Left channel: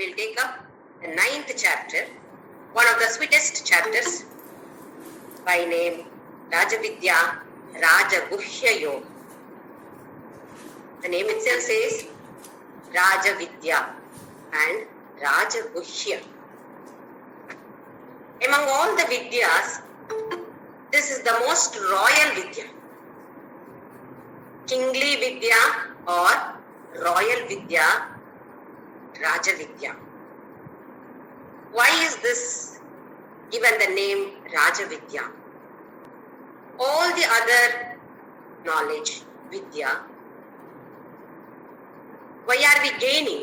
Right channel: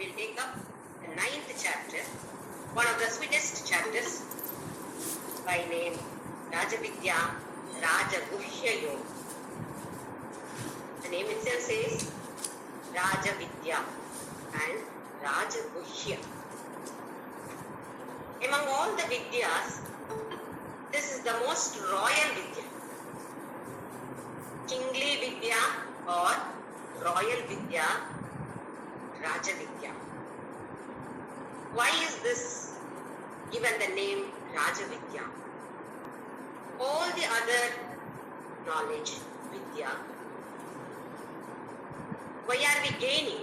we will take up the 9th chapter, one of the sweetest chapters, by name Rajavidya Rajaguhya Yoga. The name itself says Rajavidya and Rajaguhya. Among all the Vidyas, this is the most royal Vidya. Kingly Vidya or Royal Vidya, Rajavidya. Why is this given the name Rajavidya? All the other knowledge, Vidya, why are we gaining?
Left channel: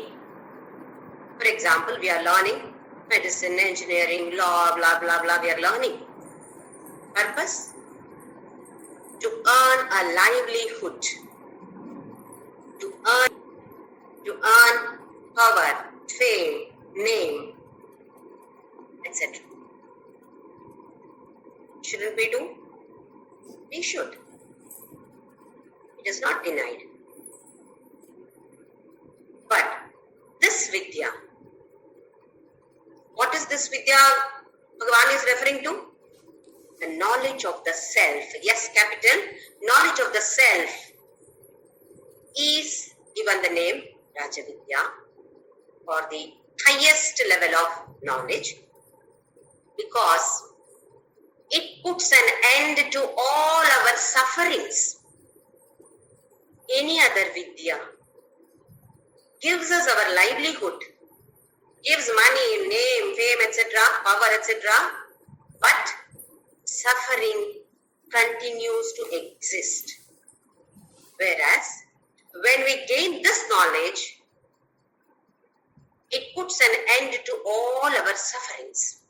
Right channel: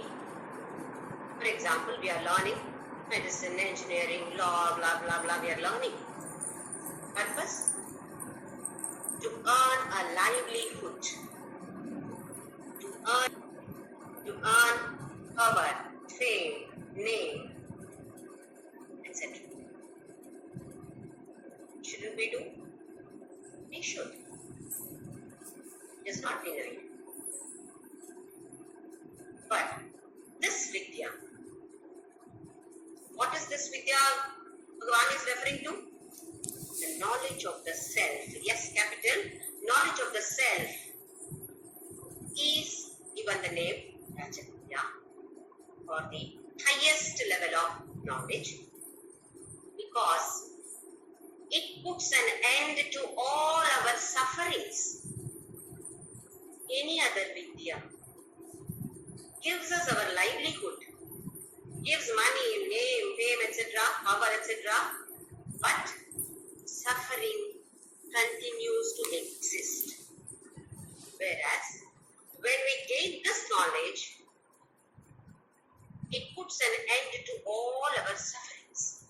For example, we are learning medicine, engineering, law, blah, blah, blah, we are learning. Purpose? To earn a livelihood, to earn power, fame, name, etc. Shouldn't we do? We should. It is not denied. But this Vidya, what is this Vidya Bhagavan is referring to? The knowledge of the self. Yes, capital. Knowledge of the self is given the name Rajavidya for the highest level of knowledge, because it puts an end to all our sufferings. Any other Vidya gives us our livelihood, gives money, name, fame, etc., power, etc., but suffering continues to exist. Whereas, when we gain this knowledge, it puts an end to all our sufferings.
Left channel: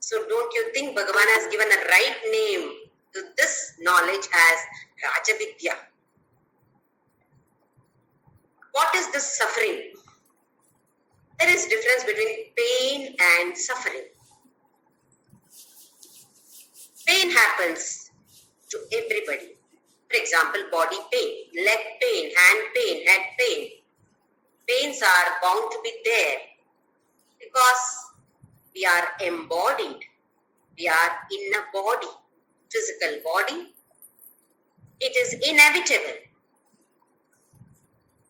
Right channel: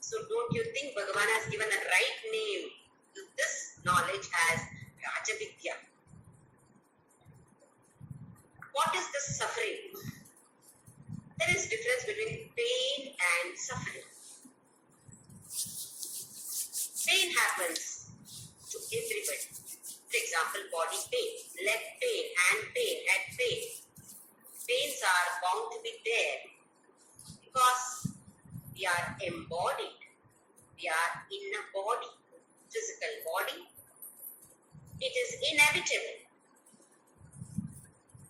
So don't you think Bhagavan has given a right name to this knowledge as Rajavidya? What is this suffering? There is difference between pain and suffering. Pain happens to everybody. For example, body pain, leg pain, hand pain, head pain. Pains are bound to be there because we are embodied. We are in a body, physical body. It is inevitable.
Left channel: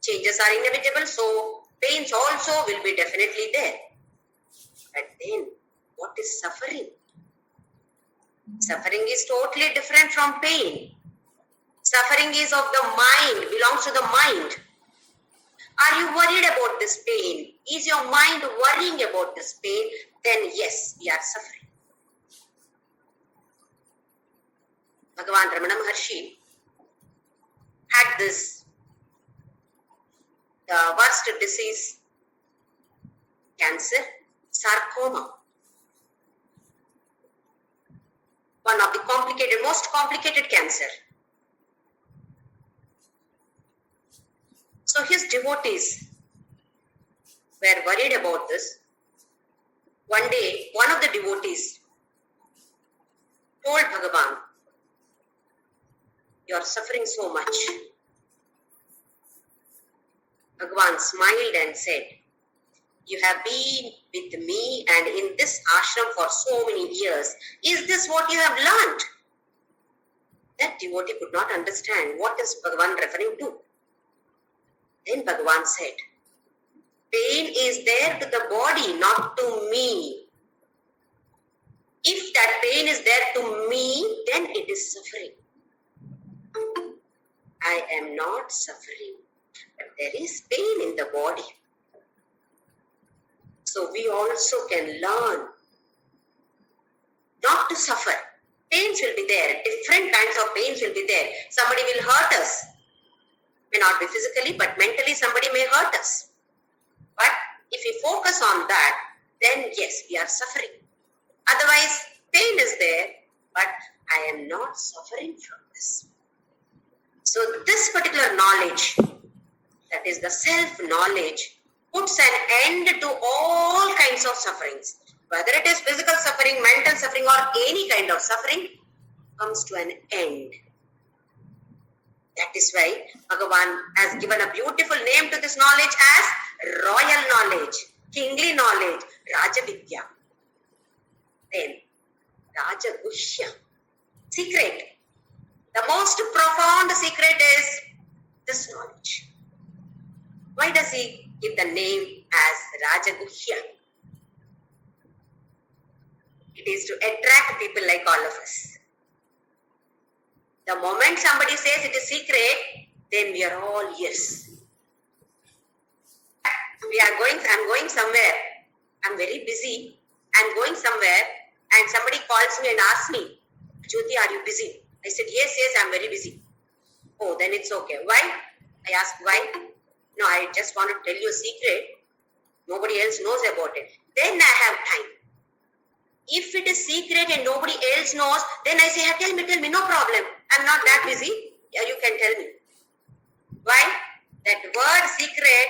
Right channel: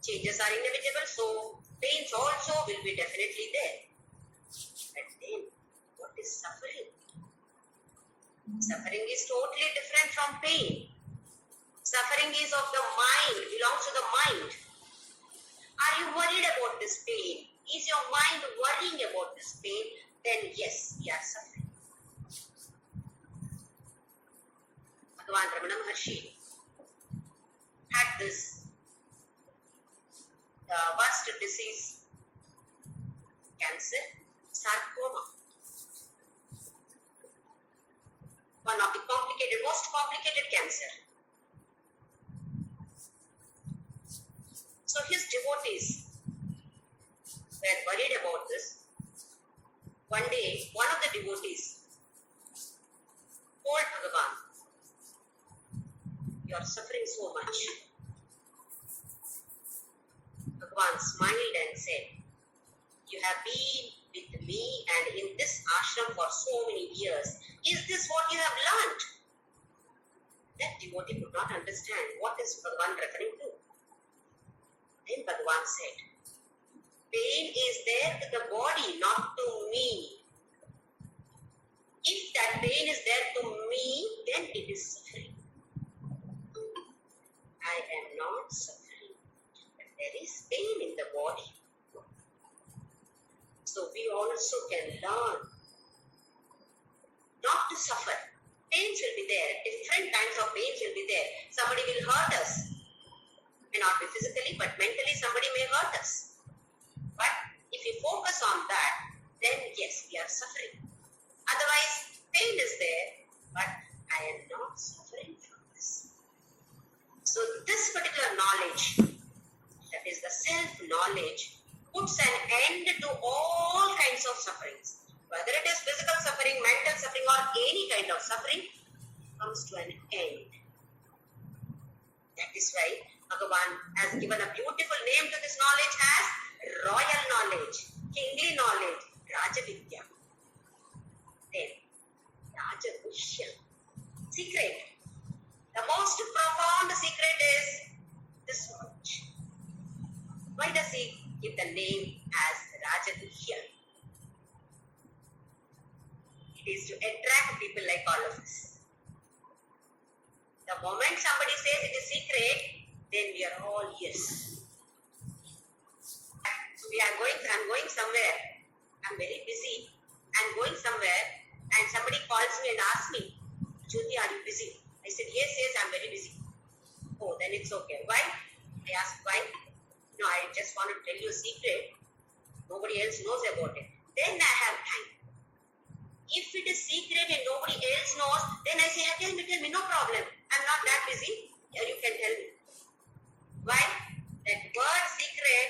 Changes are inevitable, so pains also will be definitely there. But then, what is suffering? Suffering is totally different from pain. Suffering is of the mind, belongs to the mind. Are you worried about this pain? Is your mind worrying about this pain? Then yes, we are suffering. Bhagavan Ramana Maharshi had this, the worst disease, cancer, sarcoma. One of the most complicated cancer. So his devotees were worried about this. One day, one of the devotees told Bhagavan, "You are suffering so much." Bhagavan smiled and said, "You have been with me and in this ashram for so many years. Is this what you have learned?" That devotee could not understand what is Bhagavan referring to. Then Bhagavan said, "Pain is there to the body, not to me. If that pain is there to me, then it is suffering. I am not suffering, but there is pain in the body. So we also can learn not to suffer. Pains will be there. Different kinds of pains will be there. Somebody will hurt us. May not be physically, but mentally somebody may hurt us. But if we focus on that, then yes, we are suffering. Otherwise, pain is there, but I am not suffering from this." So this particular knowledge, that is the self-knowledge, puts an end to all kinds of sufferings. Whether it is physical suffering, mental suffering, or any kind of suffering, comes to an end. That is why Bhagavan has given a beautiful name to this knowledge as royal knowledge, kingly knowledge, Rajavidya. Then Rajagushya, secret. The most profound secret is this knowledge. Why does he give the name as Rajagushya? It is to attract people like all of us. The moment somebody says it is secret, then we are all ears. I'm going somewhere. I'm very busy. I'm going somewhere and somebody calls me and asks me, Jyoti, are you busy? I said, yes, I'm very busy. Oh, then it's okay. Why? I asked, why? No, I just want to tell you a secret. Nobody else knows about it. Then I have time. If it is secret and nobody else knows, then I say, tell me, no problem. I'm not that busy. Yeah, you can tell me. Why? That word secret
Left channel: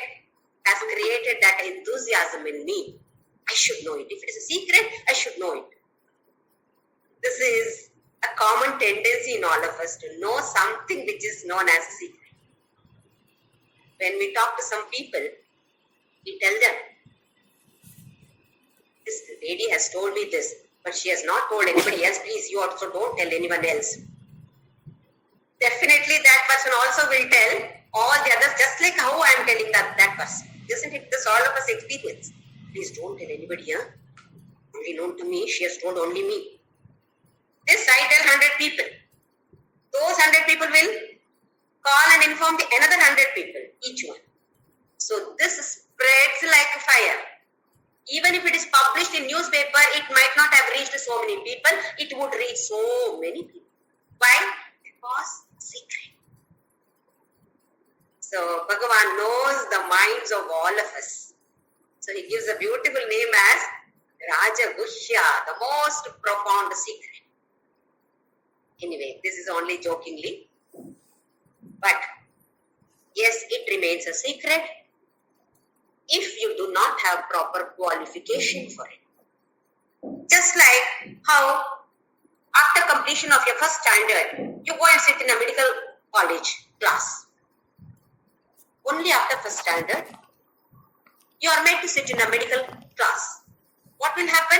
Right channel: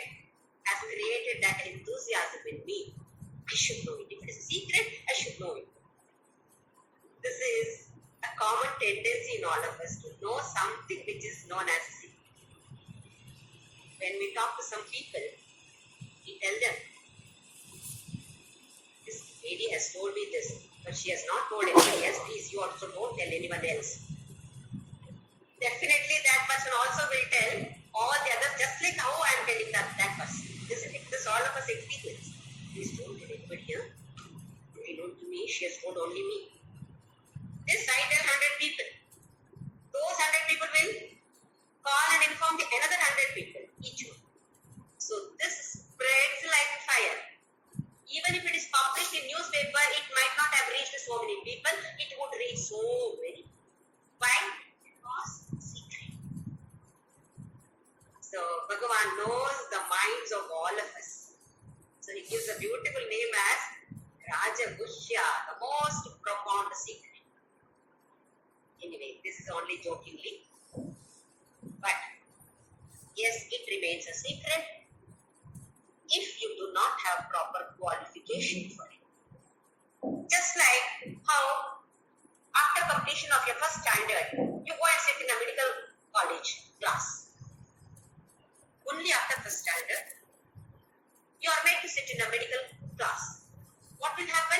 has created that enthusiasm in me. I should know it. If it is a secret, I should know it. This is a common tendency in all of us to know something which is known as a secret. When we talk to some people, we tell them, this lady has told me this, but she has not told anybody else. Please, you also don't tell anyone else. Definitely that person also will tell all the others, just like how I am telling that person. Isn't it this all of us experience? Please don't tell anybody, huh? Only known to me, she has told only me. This I tell 100 people. Those 100 people will call and inform the another 100 people, each one. So this spreads like fire. Even if it is published in newspaper, it might not have reached so many people. It would reach so many people. Why? Because secret. So Bhagavan knows the minds of all of us. So he gives a beautiful name as Rajagushya, the most profound secret. Anyway, this is only jokingly. But yes, it remains a secret if you do not have proper qualification for it. Just like how after completion of your first standard, you go and sit in a medical college class. Only after first standard, you are made to sit in a medical class. What will happen?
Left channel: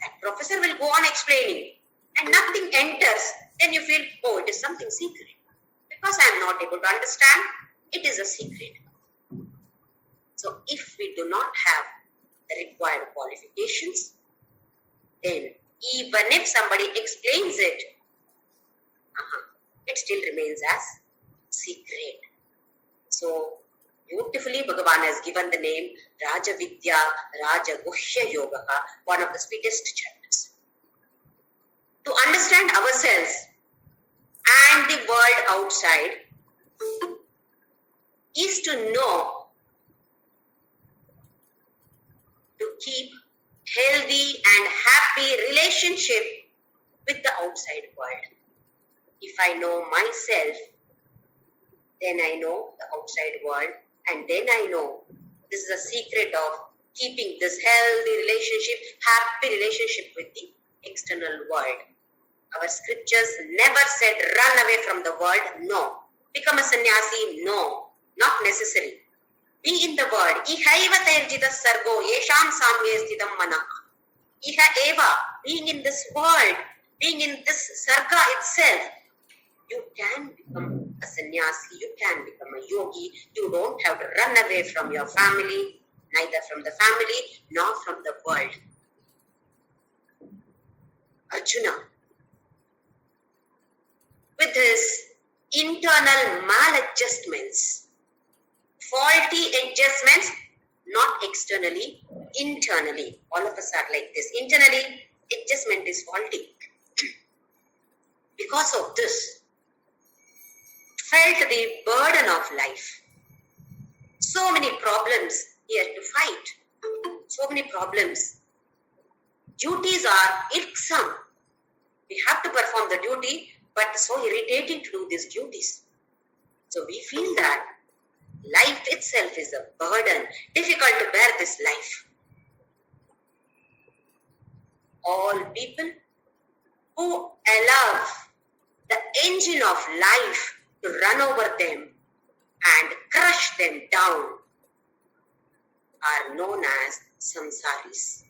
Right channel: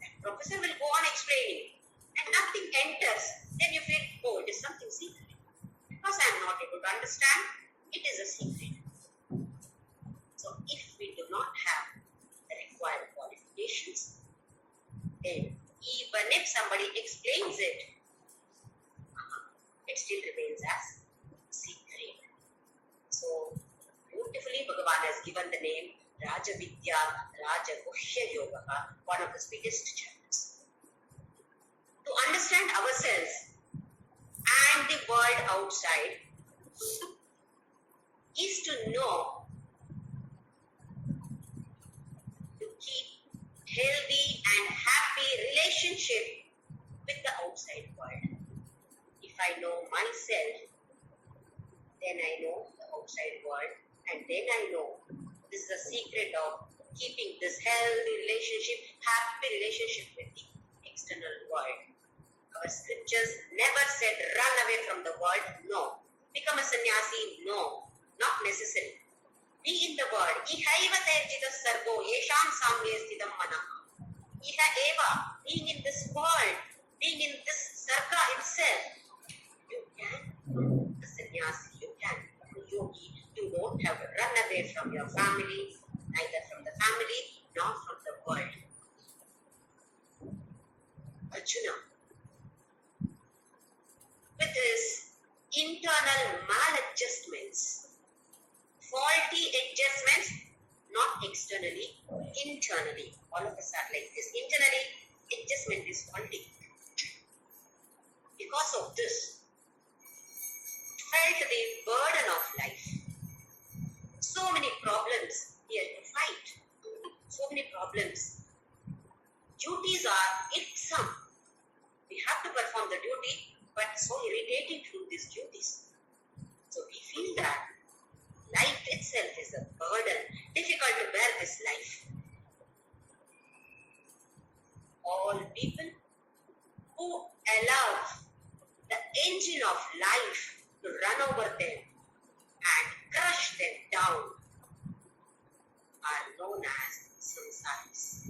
That professor will go on explaining and nothing enters. Then you feel, oh, it is something secret. Because I am not able to understand, it is a secret. So if we do not have the required qualifications, then even if somebody explains it, it still remains as secret. So beautifully Bhagavan has given the name Rajavidya, Rajagushya Yoga, one of the sweetest chapters. To understand ourselves and the world outside is to know, to keep healthy and happy relationship with the outside world. If I know myself, then I know the outside world, and then I know this is a secret of keeping this healthy relationship, happy relationship with the external world. Our scriptures never said run away from the world, no. Become a sannyasi, no. Not necessary. Be in the world. Iha eva tairjita sargo yesham samye sthitam manaha. Iha eva, being in this world, being in this sarga itself, you can become a sannyasi, you can become a yogi. You don't have to run away from your family, neither from the family nor from the world. Arjuna, with his internal maladjustments, faulty adjustments, not externally, internally. All of us are like this. Internally, adjustment is faulty. Because of this, felt the burden of life. So many problems here to fight. So many problems. Duties are irksome. We have to perform the duty, but so irritating to do these duties. So we feel that life itself is a burden, difficult to bear this life. All people who allow the engine of life to run over them and crush them down are known as samsaris.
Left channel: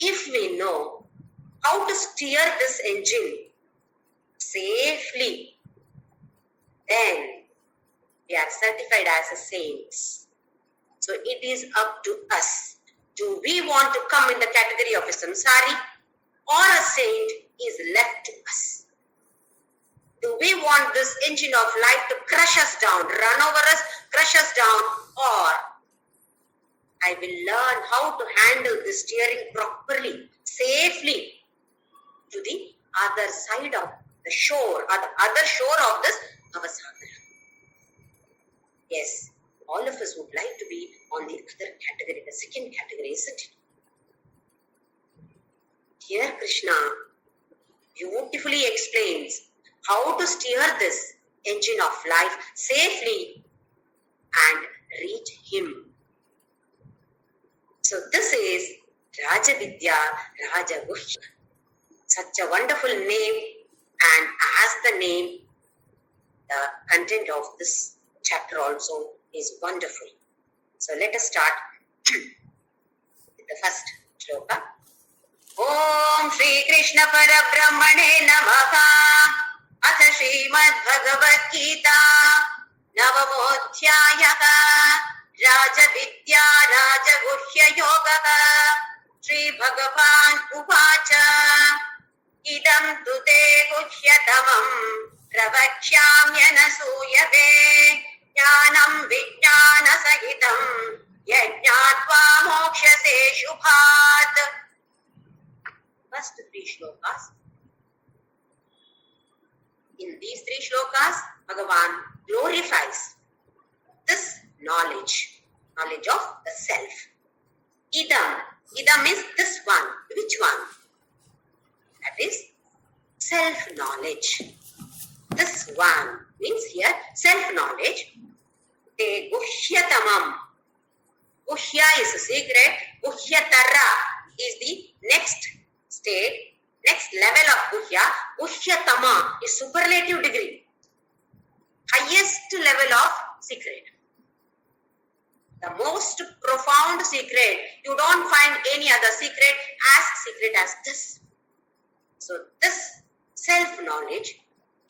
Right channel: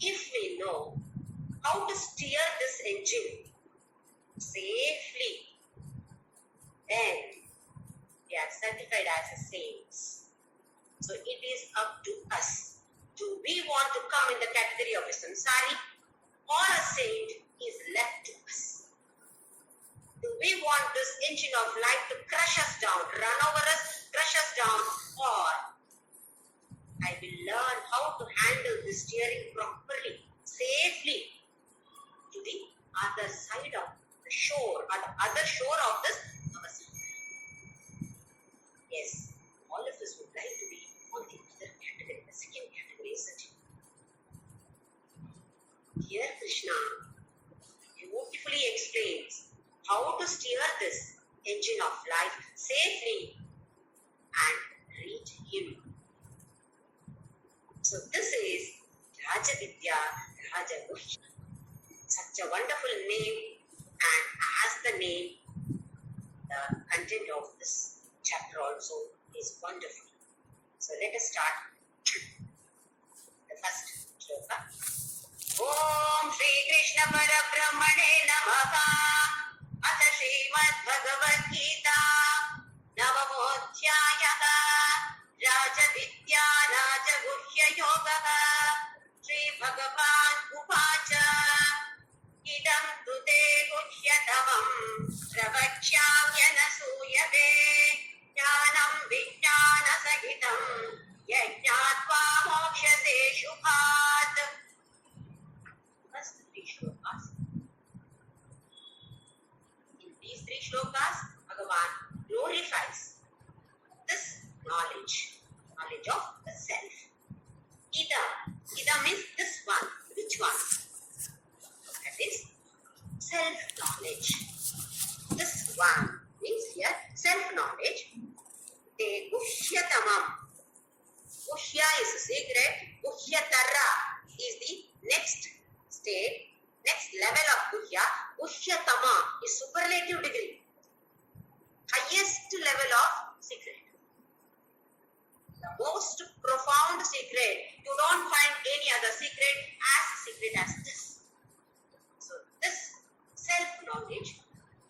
If we know how to steer this engine safely, then we are certified as a saints. So it is up to us. Do we want to come in the category of a samsari or a saint is left to us? Do we want this engine of life to crush us down, run over us, crush us down, or I will learn how to handle the steering properly, safely to the other side of the shore or the other shore of this Avasagar? Yes, all of us would like to be on the other category, the second category, isn't it? Here Krishna beautifully explains how to steer this engine of life safely and reach him. So this is Rajavidya Rajaguhya. Such a wonderful name, and as the name, the content of this chapter also is wonderful. So let us start with the first shloka. Om Shri Krishna Parabrahmane Namaha. Atha Srimad Bhagavadgita Navamodhyayaka Rajavidya Rajaguhya Yogaha. Shri Bhagavan Uvacha Idam Tute Guhyatamam Pravachyamyanasuyave Jnanam Vijnana Sahitam Yajnatva Mokshase Shubhat. First three shlokas. In these three shlokas, Bhagavan glorifies this knowledge of the self. Idam is this one. Which one? That is self-knowledge. This one means here self-knowledge. Te guhyatamam. Guhya is a secret. Guhyatara is the next state, next level of Guhya. Guhyatama is superlative degree. Highest level of secret. The most profound secret. You don't find any other secret as this. So this self-knowledge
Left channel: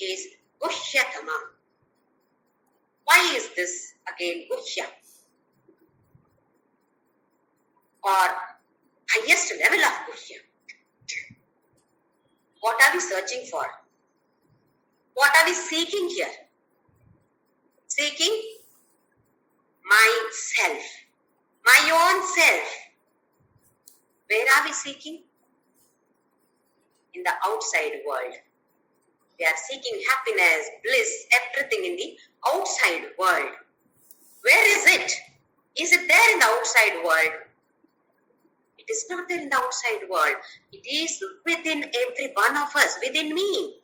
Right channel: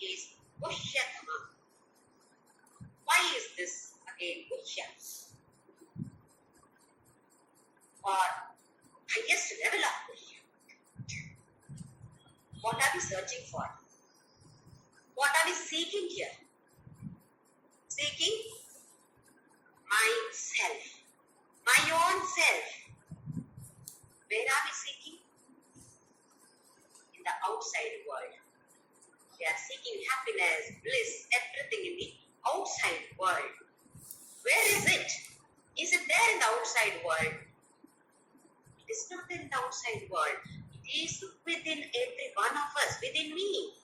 is Guhyatama. Why is this again Guhya? Or highest level of Guhya. What are we searching for? What are we seeking here? Seeking myself, my own self. Where are we seeking? In the outside world. We are seeking happiness, bliss, everything in the outside world. Where is it? Is it there in the outside world? It is not there in the outside world. It is within every one of us, within me.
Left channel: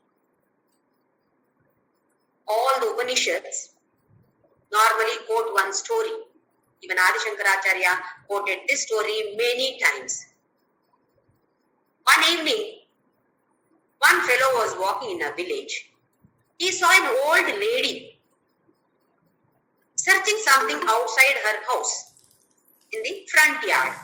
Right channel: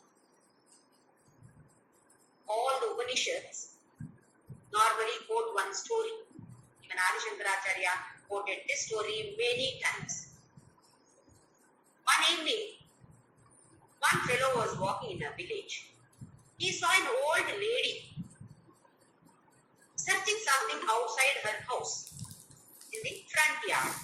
All the Upanishads normally quote one story. Even Adi Shankaracharya quoted this story many times. One evening, one fellow was walking in a village. He saw an old lady searching something outside her house in the front yard.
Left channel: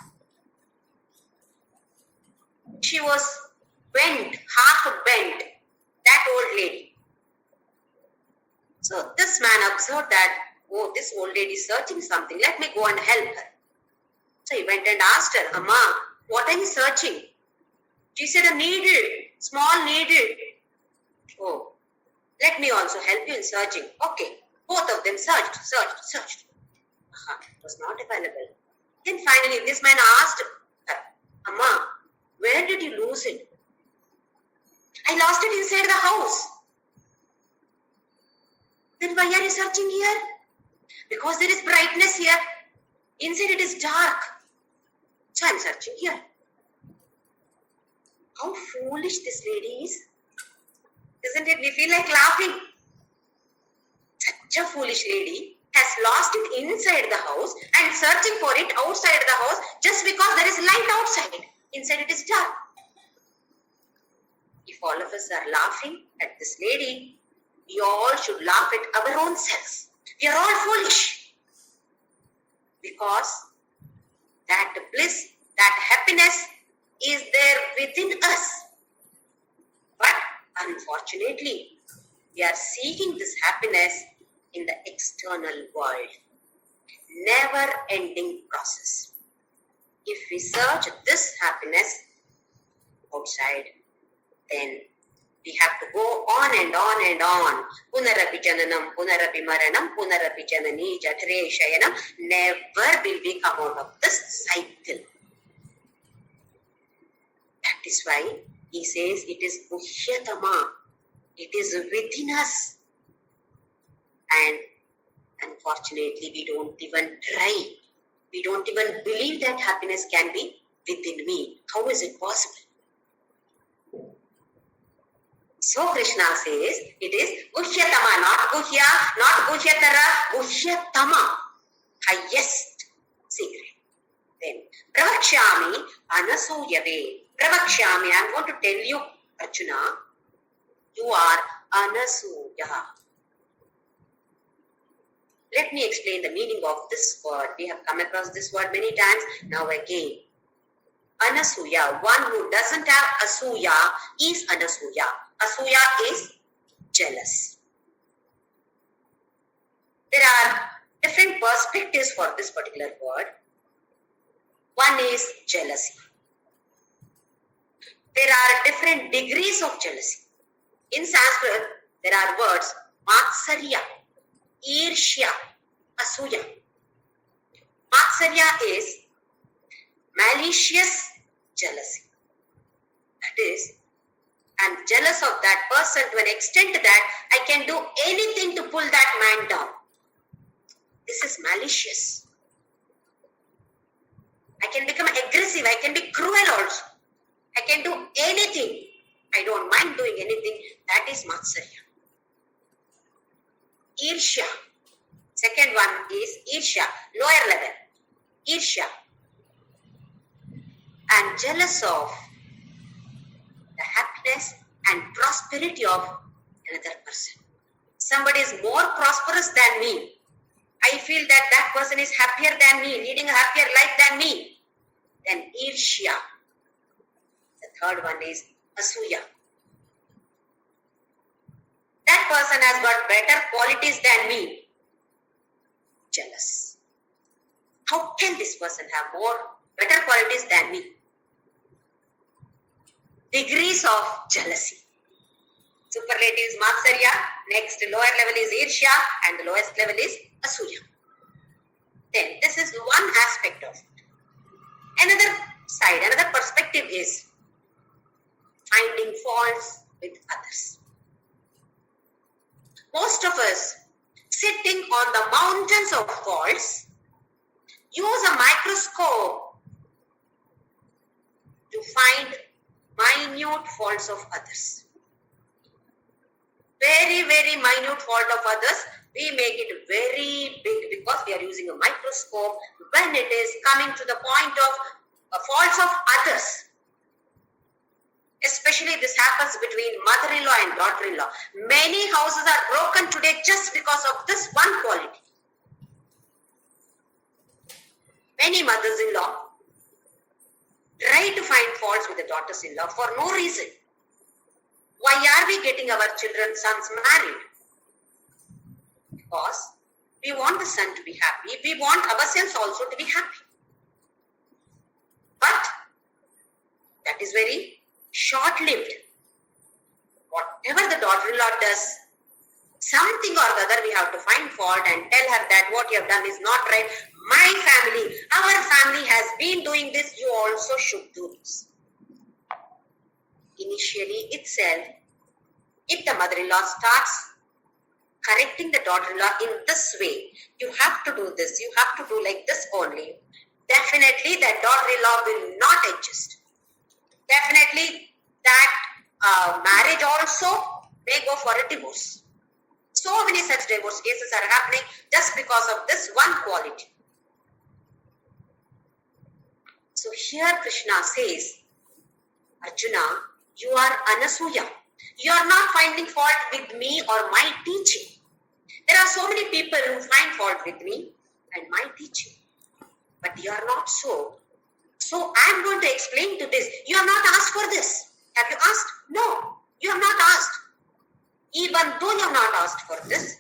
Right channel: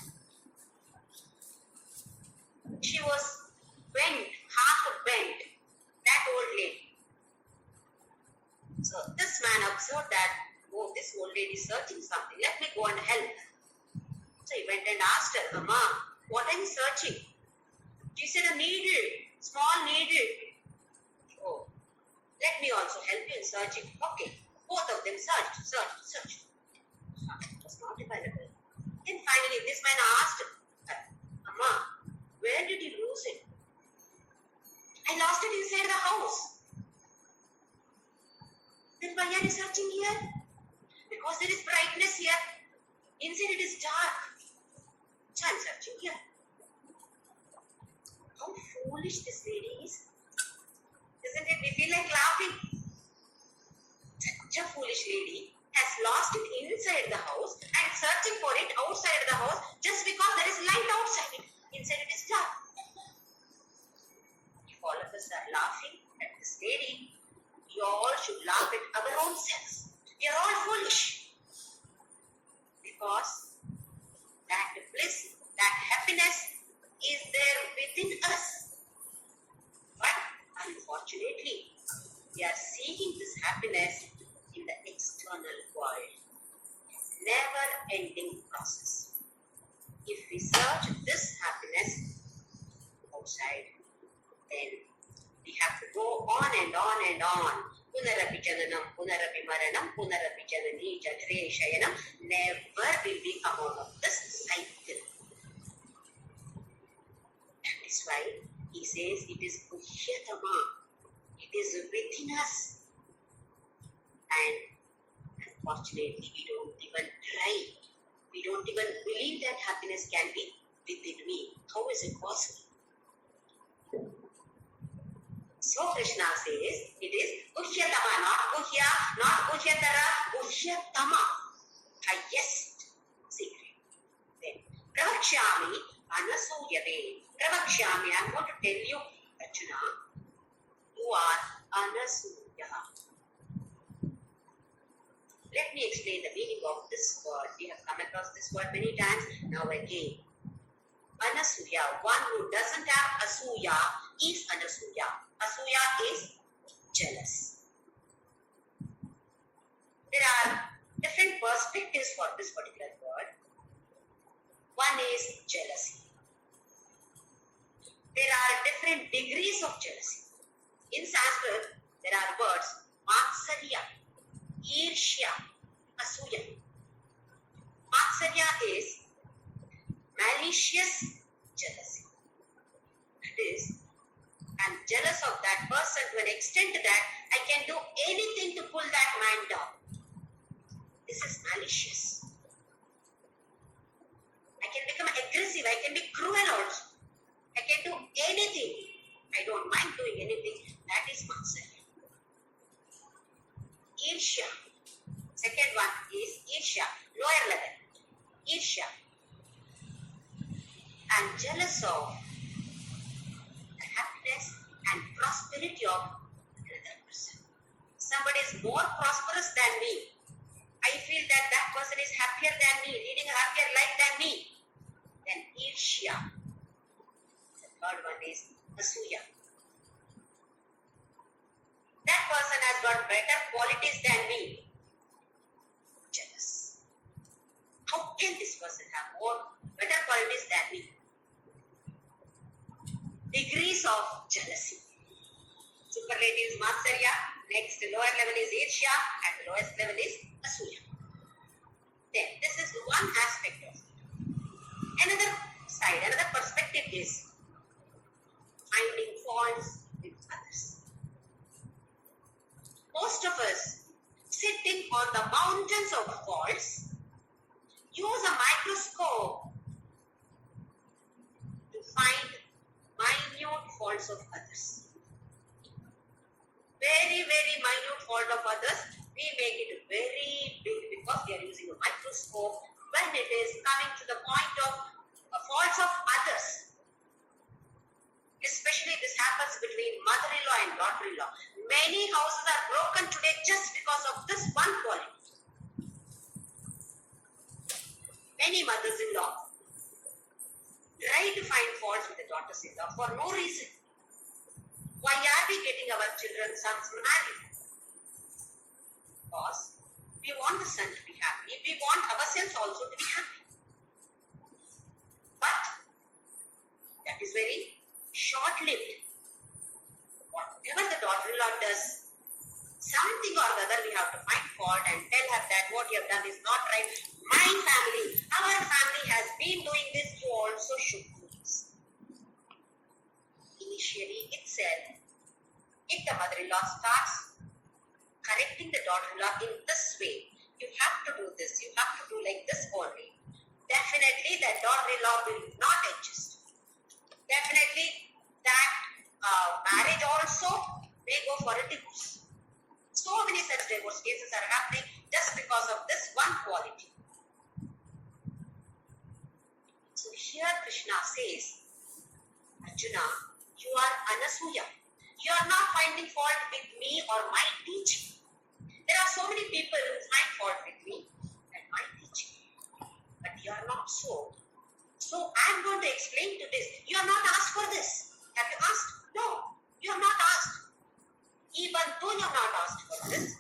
She was bent, half bent, that old lady. So this man observed that, oh, this old lady is searching something. Let me go and help her. So he went and asked her, Amma, what are you searching? She said, a needle, small needle. Oh, let me also help you in searching. Okay, both of them searched. It was not available. Then finally this man asked her, Amma, where did you lose it? I lost it inside the house. Then why are you searching here? Because there is brightness here. Inside it is dark. So I am searching here. How foolish this lady is. Isn't it? We feel like laughing. Such a foolish lady has lost it inside the house and searching for it outside the house just because there is light outside. Inside it is dark. If all of us are laughing at this lady, we all should laugh at our own selves. We are all foolish. because that bliss, that happiness is there within us. But unfortunately, we are seeking this happiness in the external world. Never ending process. If we search this happiness outside, then we have to go on and on and on. Punarapi jananam, punarapi maranam, punarapi janani, jatare shayanam. Never will we come out of this cycle. That is why he says it is Guhyatama. It is within us. And unfortunately, we don't even try. We don't even believe that happiness can be within me. How is it possible? So Krishna says it is Guhyatama, not Guhya, not Guhyatara, Guhyatama, highest secret. Then Pravakshami Anasuyave. Pravakshami, I am going to tell you, Arjuna, you are Anasuya. Let me explain the meaning of this word. We have come across this word many times. Now again, Anasuya, one who doesn't have Asuya is Anasuya. Asuya is jealous. There are different perspectives for this particular word. One is jealousy. There are different degrees of jealousy. In Sanskrit, there are words Matsarya, Irshya, Asuya. Matsarya is malicious jealousy. That is, I'm jealous of that person to an extent that I can do anything to pull that man down. This is malicious. I can become aggressive. I can be cruel also. I can do anything. I don't mind doing anything. That is Matsarya. Irshya. Second one is Irshya, lower level. Irshya. And jealous of the happiness and prosperity of another person. Somebody is more prosperous than me. I feel that that person is happier than me, leading a happier life than me. Then Irshya. The third one is Asuya. That person has got better qualities than me. Jealous. How can this person have better qualities than me? Degrees of jealousy. Superlative is Matsarya, next lower level is Irshya, and the lowest level is Asuya. Then this is one aspect of it. Another side, another perspective is finding faults with others. Most of us, sitting on the mountains of faults, use a microscope to find minute faults of others. Very, very minute fault of others, we make it very big because we are using a microscope when it is coming to the point of faults of others. Especially this happens between mother-in-law and daughter-in-law. Many houses are broken today just because of this one quality. Many mothers-in-law try to find faults with the daughters-in-law for no reason. Why are we getting our children's sons married? Because we want the son to be happy. We want ourselves also to be happy. But that is very short-lived. Whatever the daughter-in-law does, something or the other we have to find fault and tell her that what you have done is not right. My family, our family has been doing this, you also should do this. Initially itself, if the mother-in-law starts correcting the daughter-in-law in this way, you have to do this, you have to do like this only, definitely that daughter-in-law will not adjust. Definitely that marriage also may go for a divorce. So many such divorce cases are happening just because of this one quality. So here Krishna says, Arjuna, you are Anasuya. You are not finding fault with me or my teaching. There are so many people who find fault with me and my teaching. you are not so. So I am going to explain to this. You have not asked for this. Have you asked? No, you have not asked. Even though you have not asked for this,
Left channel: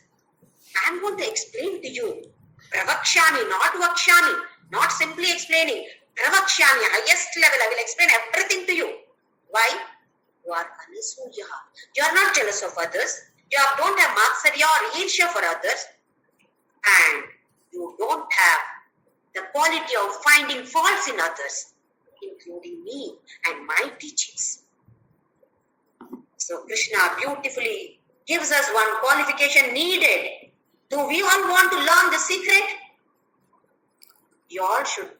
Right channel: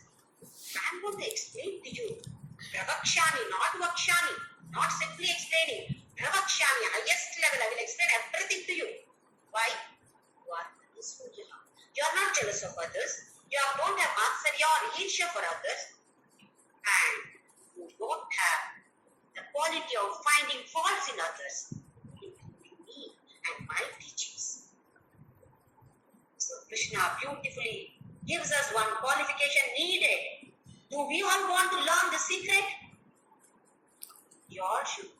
I am going to explain to you. Pravakshami, not vakshami, not simply explaining. Pravakshami, highest level, I will explain everything to you. Why? You are anasuya. You are not jealous of others. You don't have matsarya or irsha for others. And you don't have the quality of finding faults in others, including me and my teachings. So Krishna beautifully gives us one qualification needed. Do we all want to learn the secret? You all should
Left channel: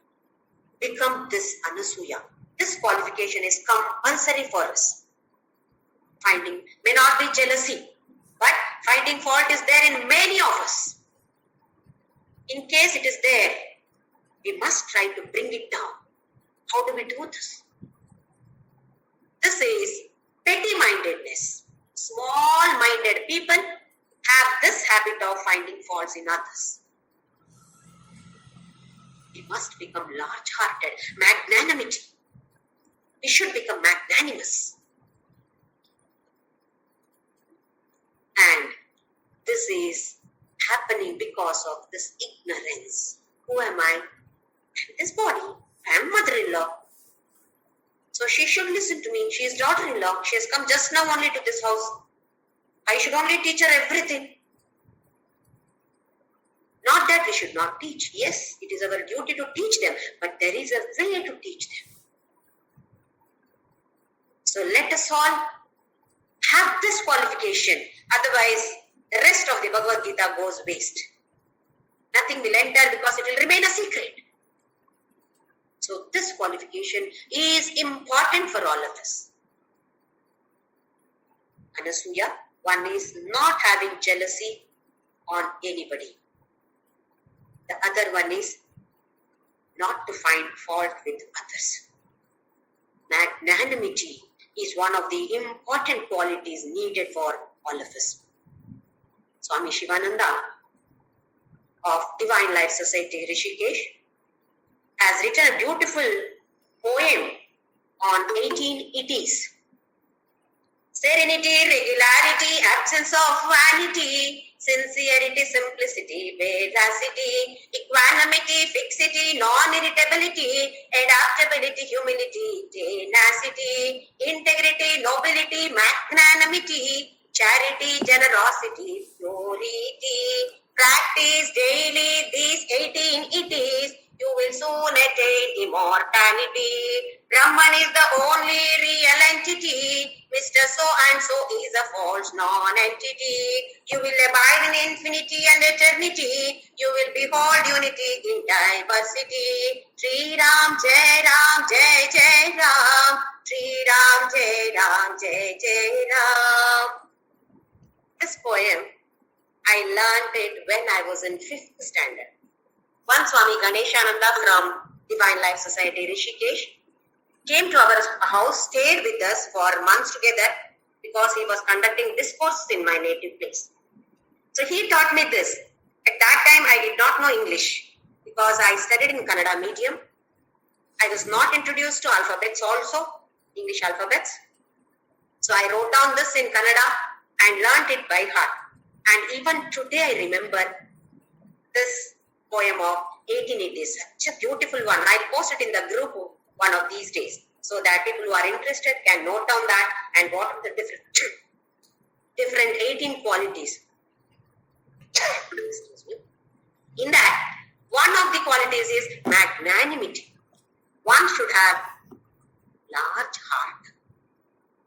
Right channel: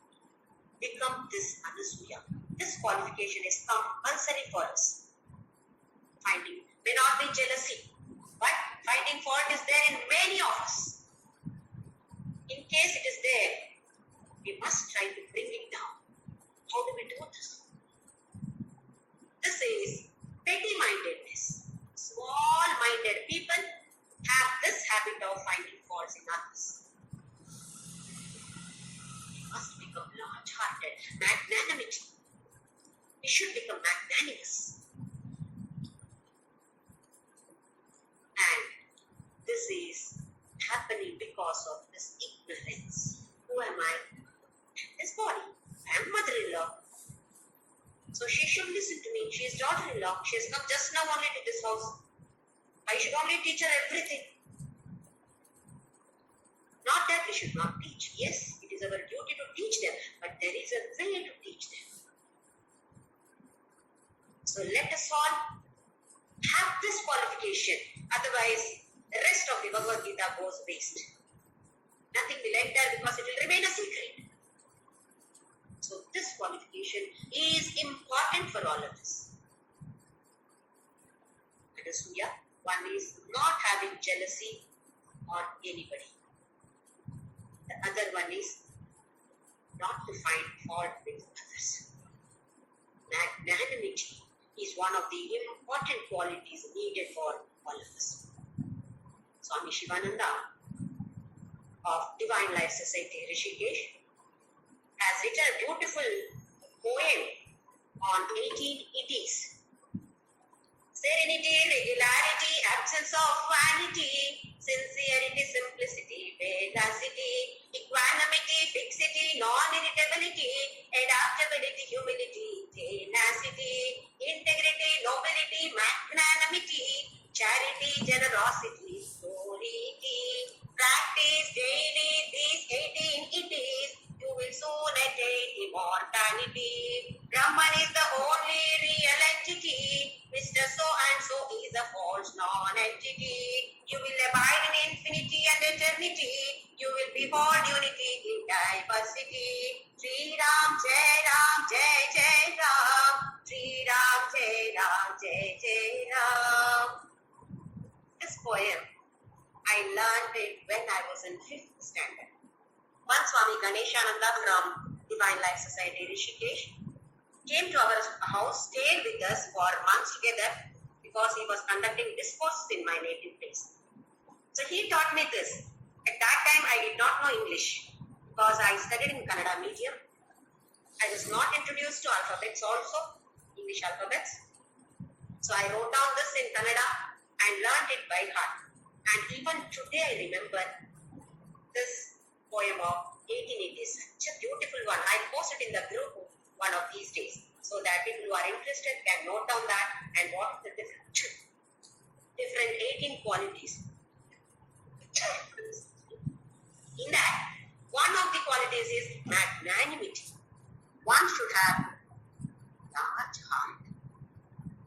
become this anasuya. This qualification is compulsory for us. Finding may not be jealousy, but finding fault is there in many of us. In case it is there, we must try to bring it down. How do we do this? This is petty-mindedness. Small-minded people have this habit of finding faults in others. We must become large-hearted, magnanimity. We should become magnanimous. And this is happening because of this ignorance. Who am I? This body. I am mother-in-law. So she should listen to me. She is daughter-in-law. She has come just now only to this house. I should only teach her everything. Not that we should not teach. Yes, it is our duty to teach them. But there is a way to teach them. So let us all have this qualification. Otherwise, the rest of the Bhagavadgita goes waste. Nothing will enter because it will remain a secret. So this qualification is important for all of us. Anasuya, one is not having jealousy on anybody. The other one is not to find fault with others. Magnanimity is one of the important qualities needed for all of us. Swami Shivananda of Divine Life Society, Rishikesh, has written a beautiful poem on 18 itties. Serenity, regularity, absence of vanity, sincerity, simplicity, veracity, equanimity, fixity, non-irritability, adaptability, humility, tenacity, integrity, nobility, magnanimity, charity, generosity, purity. Practice daily these 18 itties. You will soon attain immortality. Brahman is the only real entity. Mr. So-and-so is a false non-entity. You will abide in infinity and eternity. You will behold unity in diversity. Shri Ram, Jai Ram, Jai Jai Ram. Shri Ram, Jai Ram, Jai Jai Ram. This poem, I learned it when I was in 5th standard. One Swami Ganeshananda from Divine Life Society, Rishikesh, came to our house, stayed with us for months together because he was conducting discourses in my native place. So he taught me this. At that time, I did not know English because I studied in Kannada medium. I was not introduced to alphabets also, English alphabets. So I wrote down this in Kannada and learnt it by heart. And even today I remember this poem of 1880. Such a beautiful one. I'll post it in the group one of these days so that people who are interested can note down that and what are the different 18 qualities. In that, one of the qualities is magnanimity. One should have large heart.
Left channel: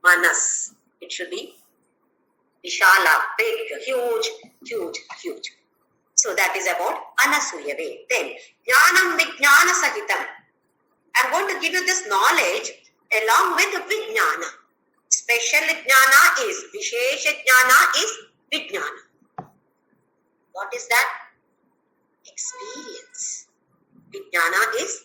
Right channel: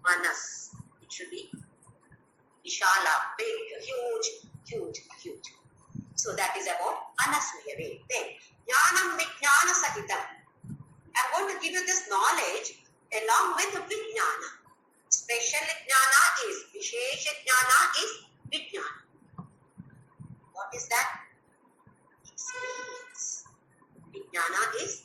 Manas. It should be Vishala, big, huge. So that is about Anasuya way. Then, Jnanam Vijnana Sahitam. I'm going to give you this knowledge along with Vijnana. Special Jnana is, Vishesha Jnana is Vijnana. What is that? Experience. Vijnana is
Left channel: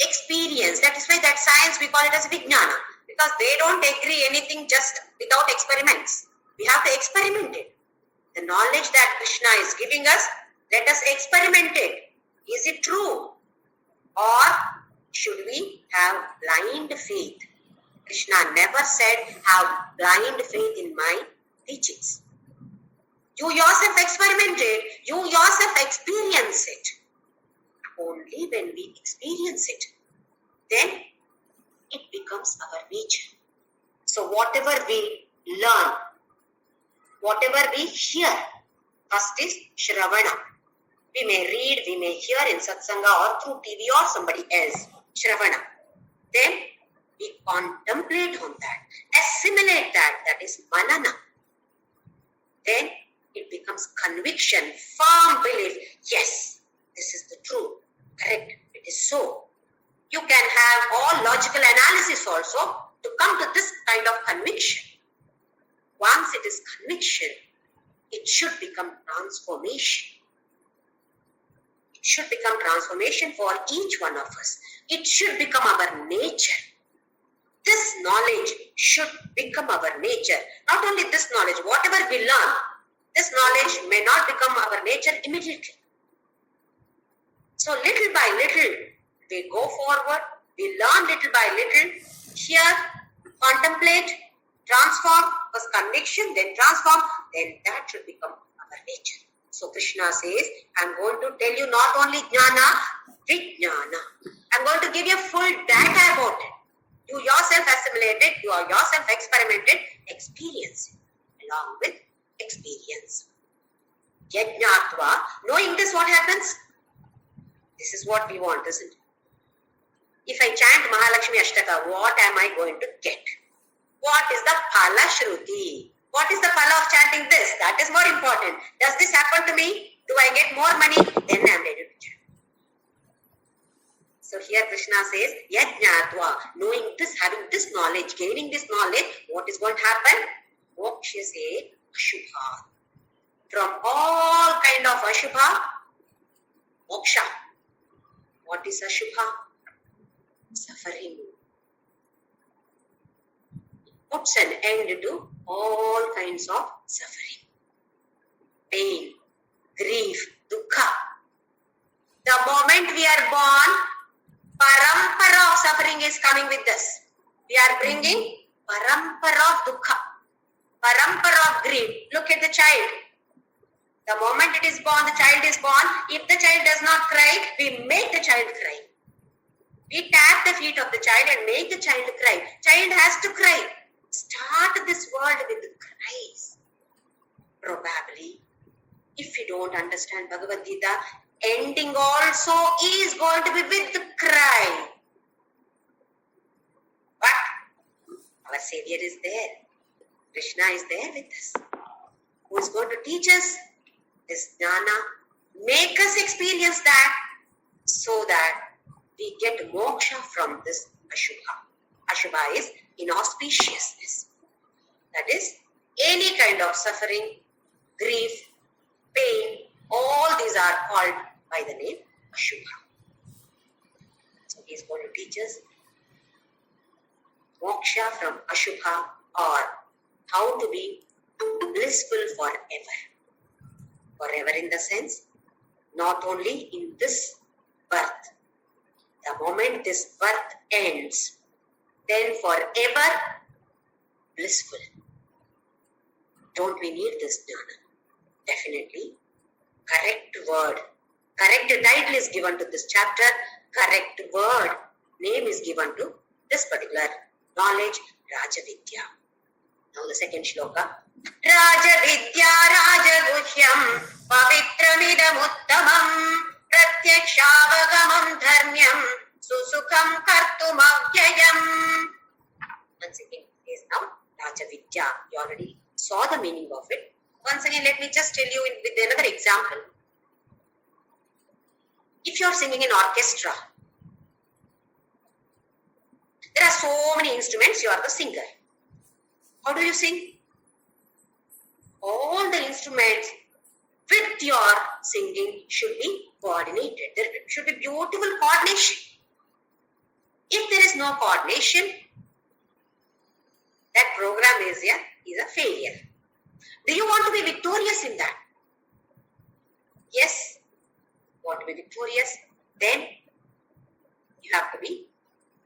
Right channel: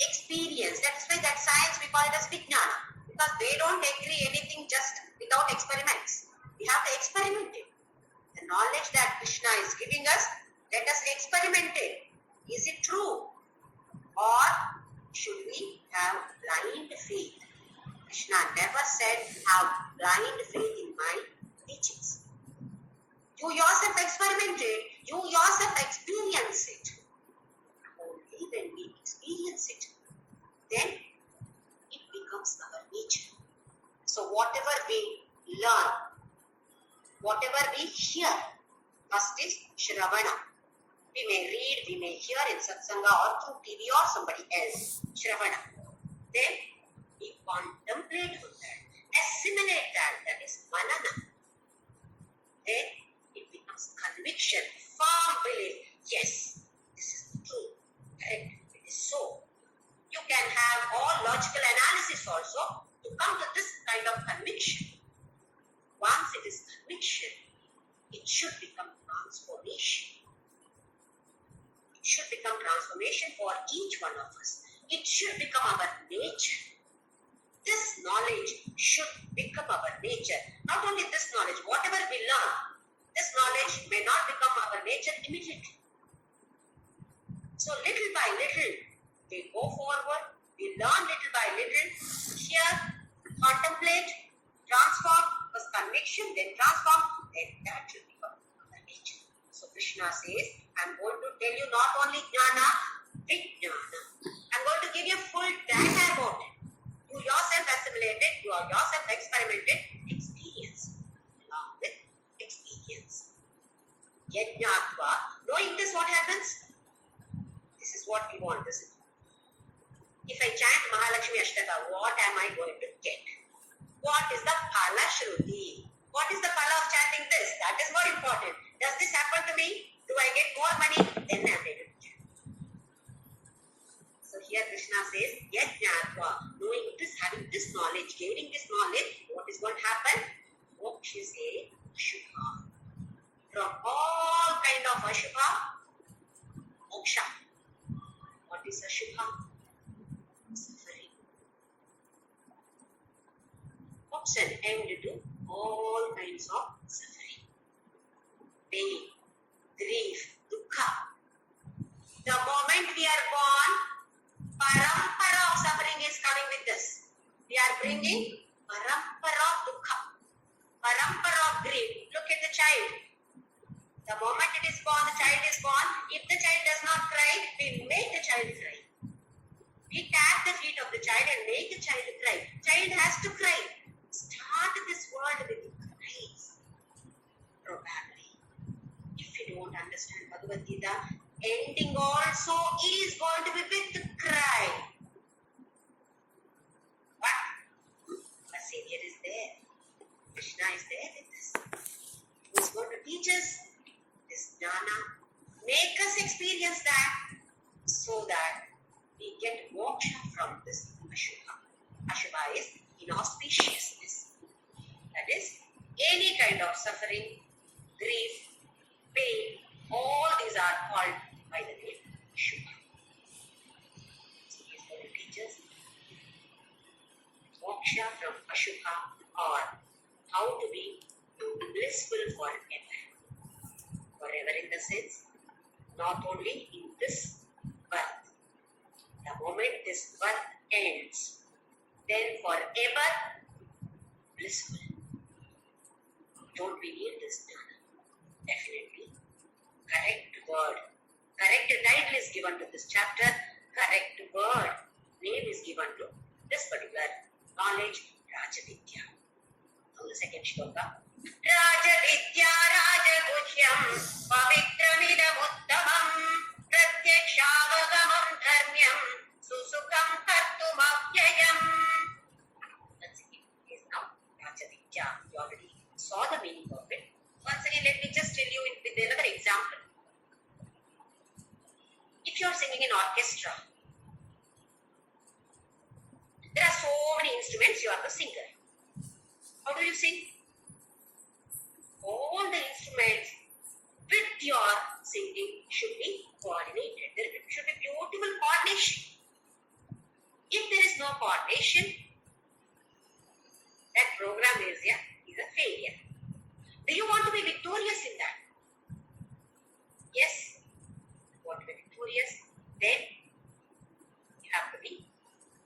experience. That is why that science we call it as Vijnana. Because they don't agree anything just without experiments. We have to experiment it. The knowledge that Krishna is giving us, let us experiment it. Is it true? Or should we have blind faith? Krishna never said have blind faith in my teachings. You yourself experiment it. You yourself experience it. Only when we experience it, then it becomes our nature. So whatever we learn, whatever we hear, first is Shravana. We may read, we may hear in Satsanga or through TV or somebody else. Shravana. Then we contemplate on that, assimilate that, that is Manana. Then it becomes conviction, firm belief. Yes, this is the truth. Correct. It is so. You can have all logical analysis also to come to this kind of conviction. Once it is conviction, it should become transformation. It should become transformation for each one of us. It should become our nature. This knowledge should become our nature. Not only this knowledge, whatever we learn, this knowledge may not become our nature immediately. So little by little, we go forward, we learn little by little, hear, contemplate, transform, first conviction, then transform, then that should become our nature. So Krishna says, I'm going to tell you not only jnana, vijnana. I'm going to give you full data about it. You yourself assimilate it, you are yourself experimented, experience it along with experience. Yajnatva, knowing this, what happens? This is what we want, isn't it? If I chant Mahalakshmi Ashtaka, what am I going to get? What is the phala shruti? What is the phala of chanting this? That is more important. Does this happen to me? Do I get more money? Then I am ready to chant. So here Krishna says, Yajnatva, knowing this, having this knowledge, gaining this knowledge, what is going to happen? Moksha se Ashubha. From all kind of Ashubha, moksha. What is Ashubha? Suffering. Puts an end to all kinds of suffering. Pain, grief, dukkha. The moment we are born, parampara of suffering is coming with us. We are bringing parampara of dukkha, parampara of grief. Look at the child. The moment it is born, the child is born. If the child does not cry, we make the child cry. We tap the feet of the child and make the child cry. Child has to cry. Start this world with cries. Probably, if you don't understand Bhagavadgita, ending also is going to be with the cry. But our Savior is there. Krishna is there with us. Who is going to teach us this jnana, make us experience that, so that we get moksha from this Ashubha. Ashubha is inauspiciousness. That is, any kind of suffering, grief, pain, all these are called by the name Ashubha. So he is going to teach us moksha from Ashubha, or how to be blissful forever. Forever in the sense, not only in this birth. The moment this birth ends, then forever blissful. Don't we need this jnana? Definitely. Correct word. Correct title is given to this chapter. Correct word. Name is given to this particular knowledge, Rajavidya. Now the second shloka. Rajavidya Rajaguhyam Pavitramidam Uttamam Pratyakshaavagamam Dharmyam Susukham Kartum Avyayam. Once again, is now Rajavidya. You already saw the meaning of it. Once again, let me just tell you with another example. If you are singing in orchestra, there are so many instruments, you are the singer. How do you sing? All the instruments with your singing should be coordinated. There should be beautiful coordination. If there is no coordination, that program is a failure. Do you want to be victorious in that? Yes. Want to be victorious? Then You have to be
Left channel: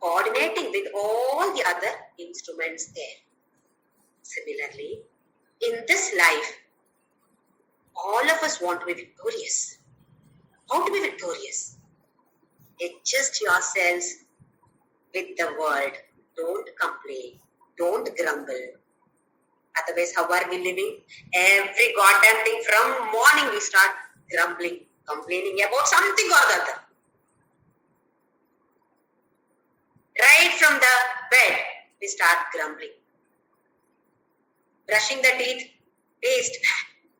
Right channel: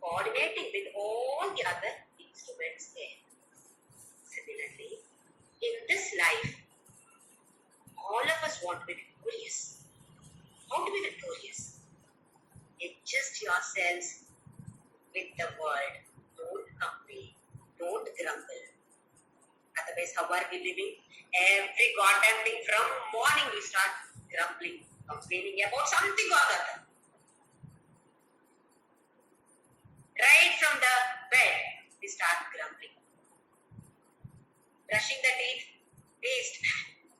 coordinating with all the other instruments there. Similarly, in this life, all of us want to be victorious. How to be victorious? Adjust yourselves with the world. Don't complain. Don't grumble. Otherwise, how are we living? Every goddamn thing from morning we start grumbling, complaining about something or the other. Right from the bed, we start grumbling. Brushing the teeth, paste,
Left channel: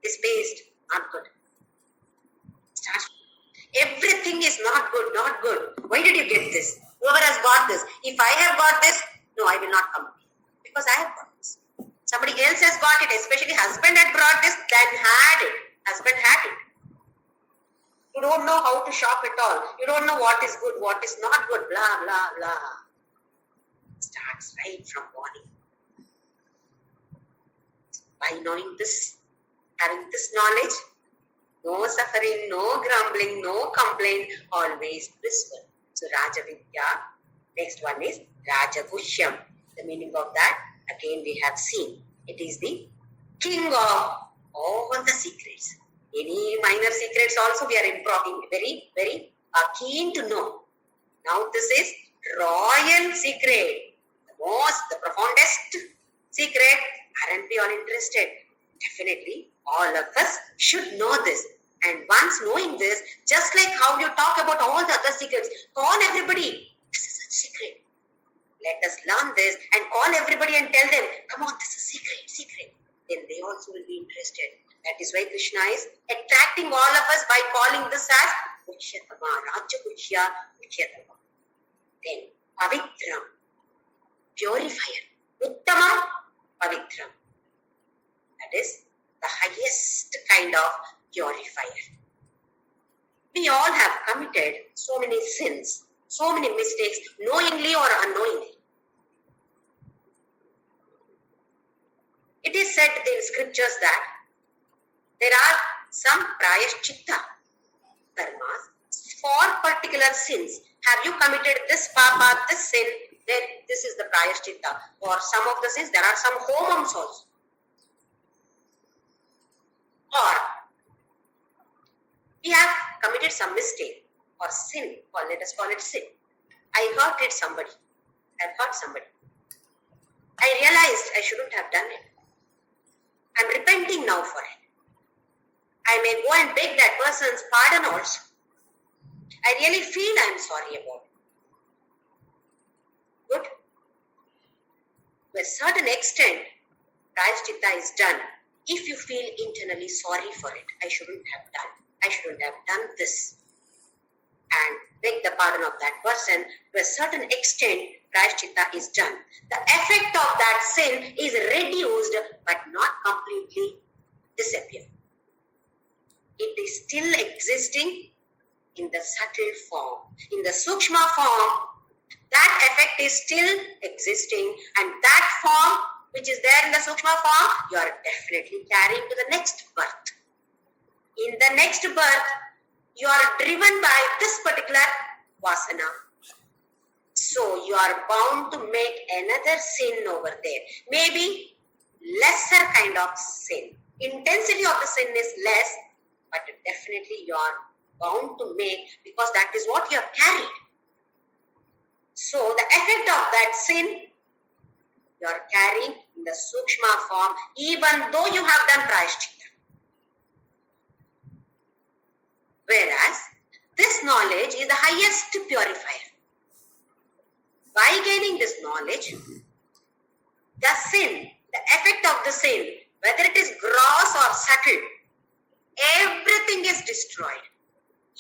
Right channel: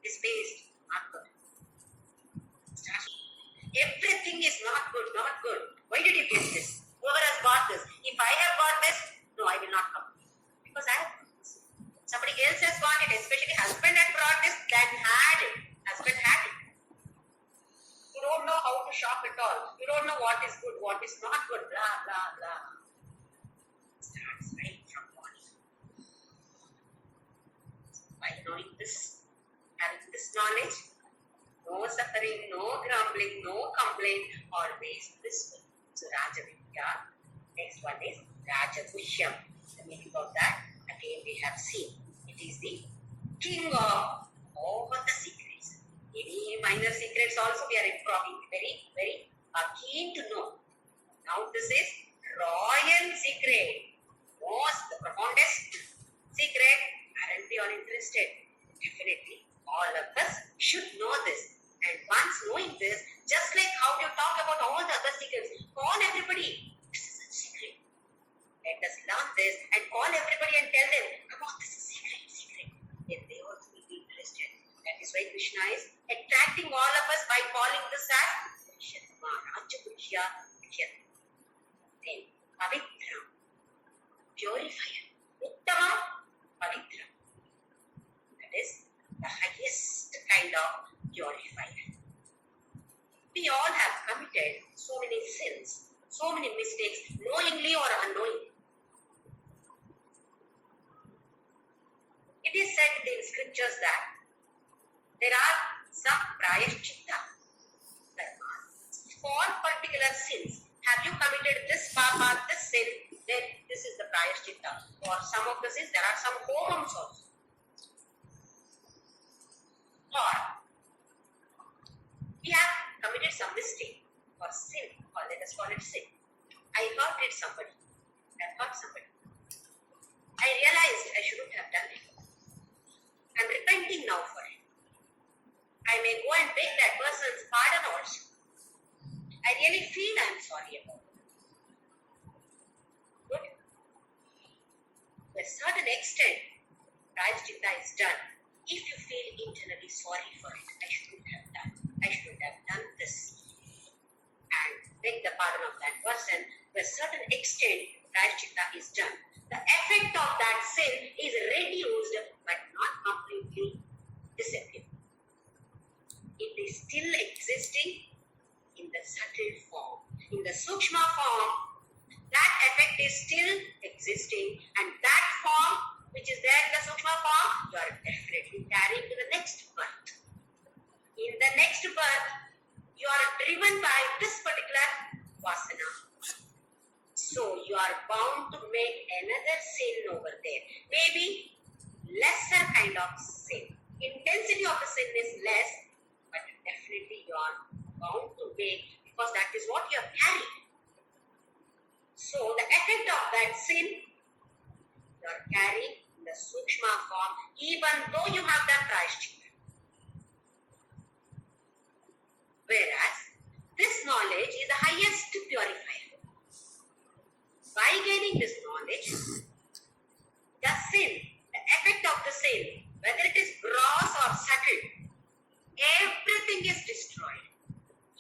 this paste, not good. Everything is not good, not good. Why did you get this? Whoever has got this. If I have got this, no, I will not complain. Because I have got this. Somebody else has got it, especially husband had brought this, then had it. Husband had it. You don't know how to shop at all. You don't know what is good, what is not good, blah, blah, blah. Starts right from morning. By knowing this, having this knowledge, no suffering, no grumbling, no complaint, always blissful. So Raja Vidya, next one is Raja Gushyam. The meaning of that, again we have seen. It is the king of all the secrets. Any minor secrets also we are very, very keen to know. Now this is royal secret. The profoundest secret. Aren't we all interested? Definitely, all of us should know this. And once knowing this, just like how you talk about all the other secrets, call everybody. This is a secret. Let us learn this and call everybody and tell them, come on, this is secret. Then they also will be interested. That is why Krishna is attracting all of us by calling this as Uchyatama, Raja Gushya, Uchyatama. Then Pavitram, purifier. Uttama, Pavitram. That is the highest kind of purifier. We all have committed so many sins, so many mistakes, knowingly or unknowingly. It is said in scriptures that there are some prayashchitta karmas for particular sins. Have you committed this papa, this sin, then this is the prayashchitta. For some of the sins, there are some homams also. Or we have committed some mistake or sin, or let us call it sin. I hurted somebody. I hurt somebody. I realized I shouldn't have done it. I'm repenting now for it. I may go and beg that person's pardon also. I really feel I'm sorry about it. Good. To a certain extent, prayashchitta is done. If you feel internally sorry for it, I shouldn't have done this, and beg the pardon of that person, to a certain extent, prayashchitta is done. The effect of that sin is reduced, but not completely disappeared. It is still existing in the subtle form. In the sukshma form, that effect is still existing, and that form which is there in the sukshma form, you are definitely carrying to the next birth. In the next birth, you are driven by this particular vasana. So you are bound to make another sin over there. Maybe lesser kind of sin. Intensity of the sin is less, but definitely you are bound to make, because that is what you have carried. So the effect of that sin, you are carrying in the sukshma form, even though you have done prayashchitta. Whereas this knowledge is the highest purifier. By gaining this knowledge, the sin, the effect of the sin, whether it is gross or subtle, everything is destroyed.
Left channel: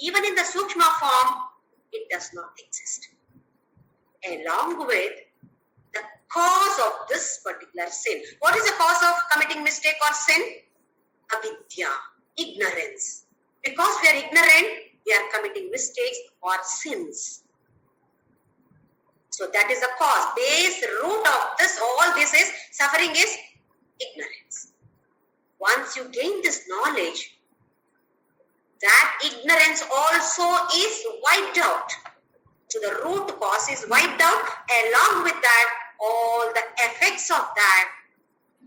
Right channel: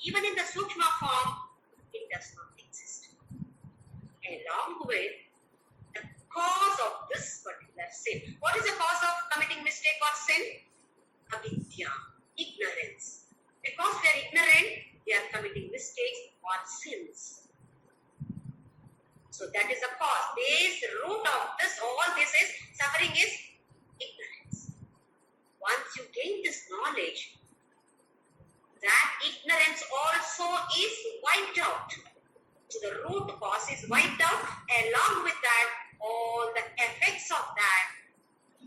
Even in the sukshma form, it does not exist. Along with the cause of this particular sin. What is the cause of committing mistake or sin? Avidya, ignorance. Because we are ignorant, we are committing mistakes or sins. So that is the cause. Base root of this, all this is, suffering is ignorance. Once you gain this knowledge, that ignorance also is wiped out. So the root cause is wiped out. Along with that, all the effects of that,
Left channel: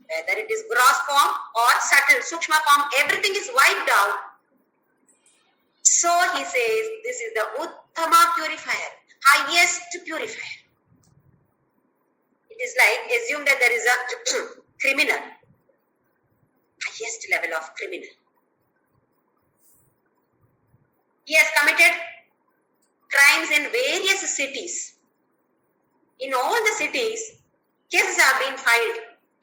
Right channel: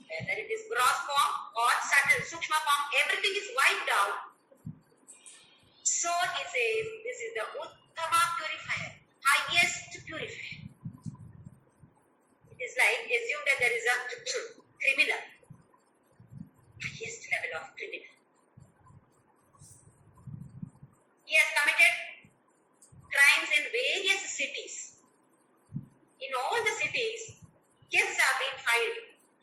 whether it is gross form or subtle, sukshma form, everything is wiped out. So he says, this is the uttama purifier, highest purifier. It is like, assume that there is a criminal, highest level of criminal. He has committed crimes in various cities. In all the cities, cases have been filed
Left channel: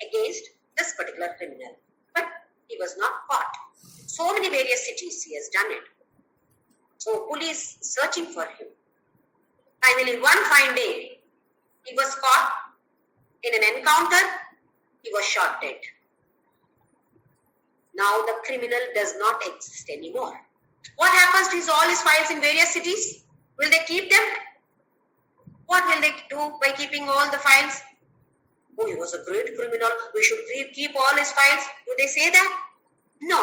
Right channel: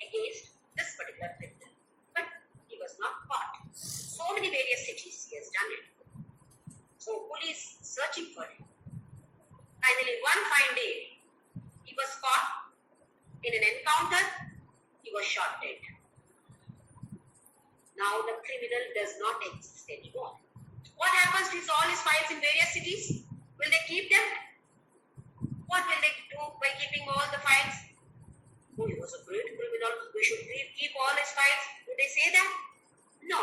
against this particular criminal. But he was not caught. So many various cities he has done it. So police searching for him. Finally, one fine day, he was caught in an encounter. He was shot dead. Now the criminal does not exist anymore. What happens to all his files in various cities? Will they keep them? What will they do by keeping all the files? Oh, he was a great criminal. We should keep all his files. Do they say that? No.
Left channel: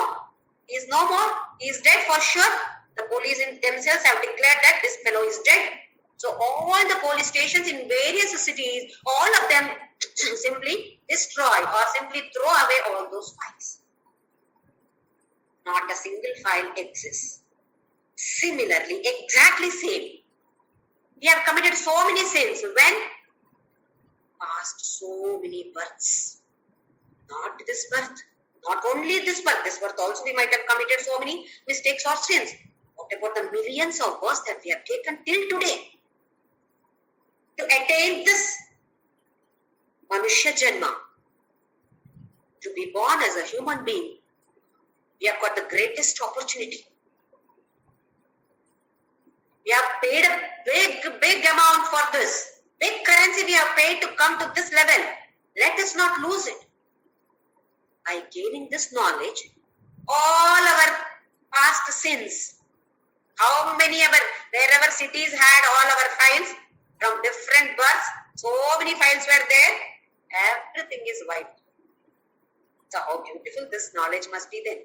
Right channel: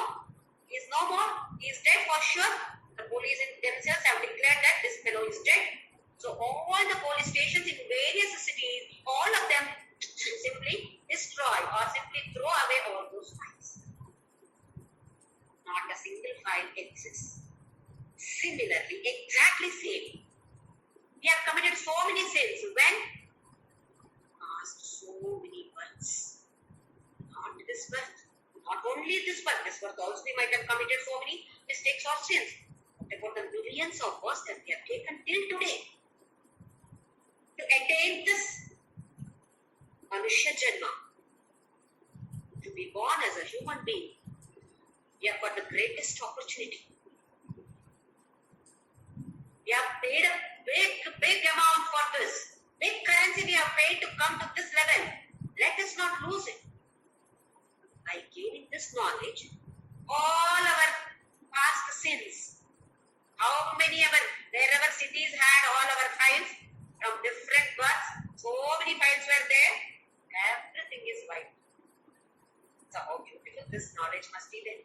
He is no more. He is dead for sure. The police themselves have declared that this fellow is dead. So all the police stations in various cities, all of them simply destroy or simply throw away all those files. Not a single file exists. Similarly, exactly same. We have committed so many sins when past so many births. Not this birth. Not only this birth also we might have committed so many mistakes or sins. What about the millions of births that we have taken till today? To attain this Manushya Janma, to be born as a human being, we have got the greatest opportunity. We have paid a big amount for this. Big currency we have paid to come to this level. Let us not lose it. By gaining this knowledge, all our past sins, how many wherever cities had all our files from different births, so many files were there, everything is wiped. So how beautiful this knowledge must be then.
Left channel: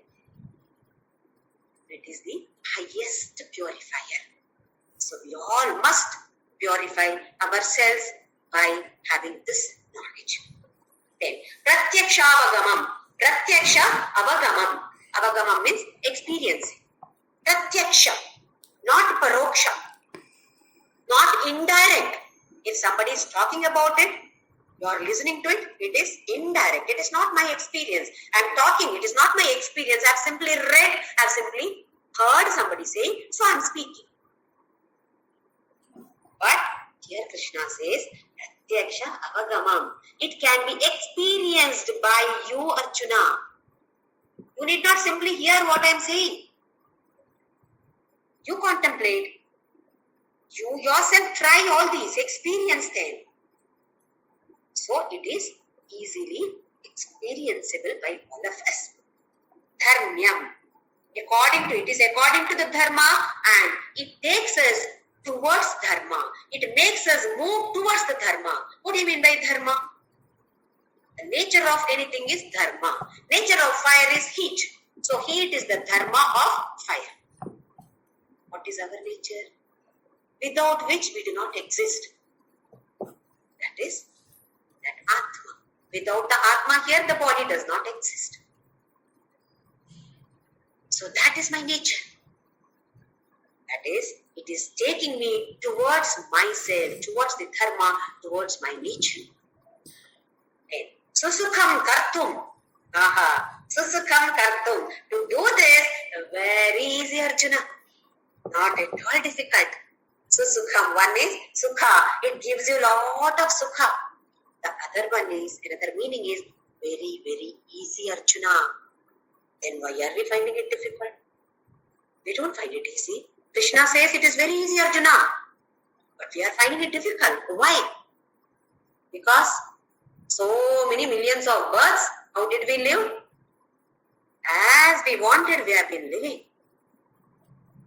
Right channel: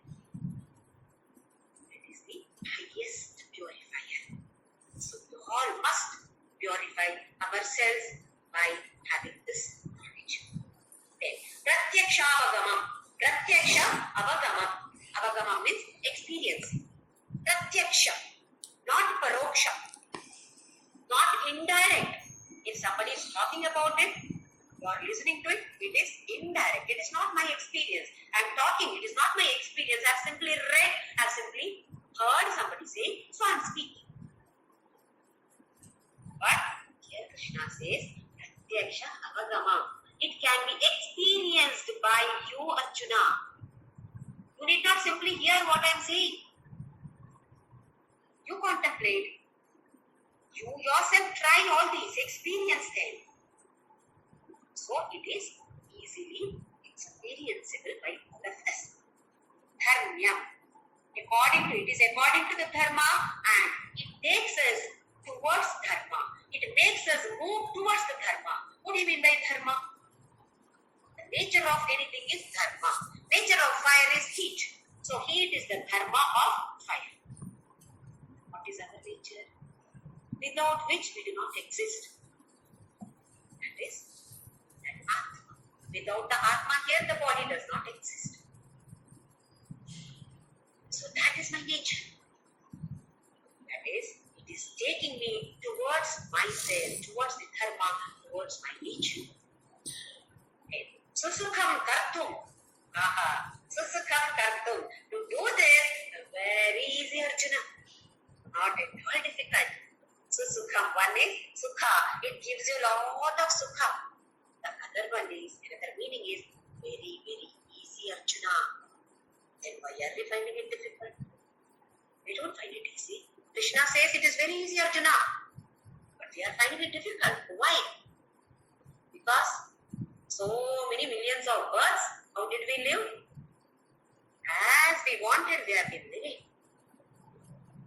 It is the highest purifier. So we all must purify ourselves by having this knowledge. Then, Pratyaksha Avagamam. Pratyaksha Avagamam. Avagamam means experiencing. Pratyaksha, not Paroksha, not indirect. If somebody is talking about it, you are listening to it, it is indirect. It is not my experience. I am talking, it is not my experience. I have simply read, I have simply heard somebody say, so I am speaking. But here Krishna says, Pratyaksha Avagamam. It can be experienced by you, Arjuna. You need not simply hear what I am saying. You contemplate. You yourself try all these, experience them. So it is easily experienceable by all of us. Dharmyam. It is according to the dharma and it takes us towards dharma. It makes us move towards the dharma. What do you mean by dharma? The nature of anything is dharma. Nature of fire is heat. So heat is the dharma of fire. What is our nature? Without which we do not exist. That is that Atma. Without the Atma here, the body does not exist. So that is my nature. That is, it is taking me towards myself, towards the dharma, towards my nature. Okay. Susukham kartum. Susukham kartum. To do this, very easy, Arjuna. Not at all difficult. Susukham. One is sukha. It gives you a lot of sukha. The other one is, another meaning is very, very easy, Arjuna. Then why are we finding it difficult? We don't find it easy. Krishna says it is very easy, Arjuna. But we are finding it difficult. Why? Because so many millions of births, how did we live? As we wanted, we have been living.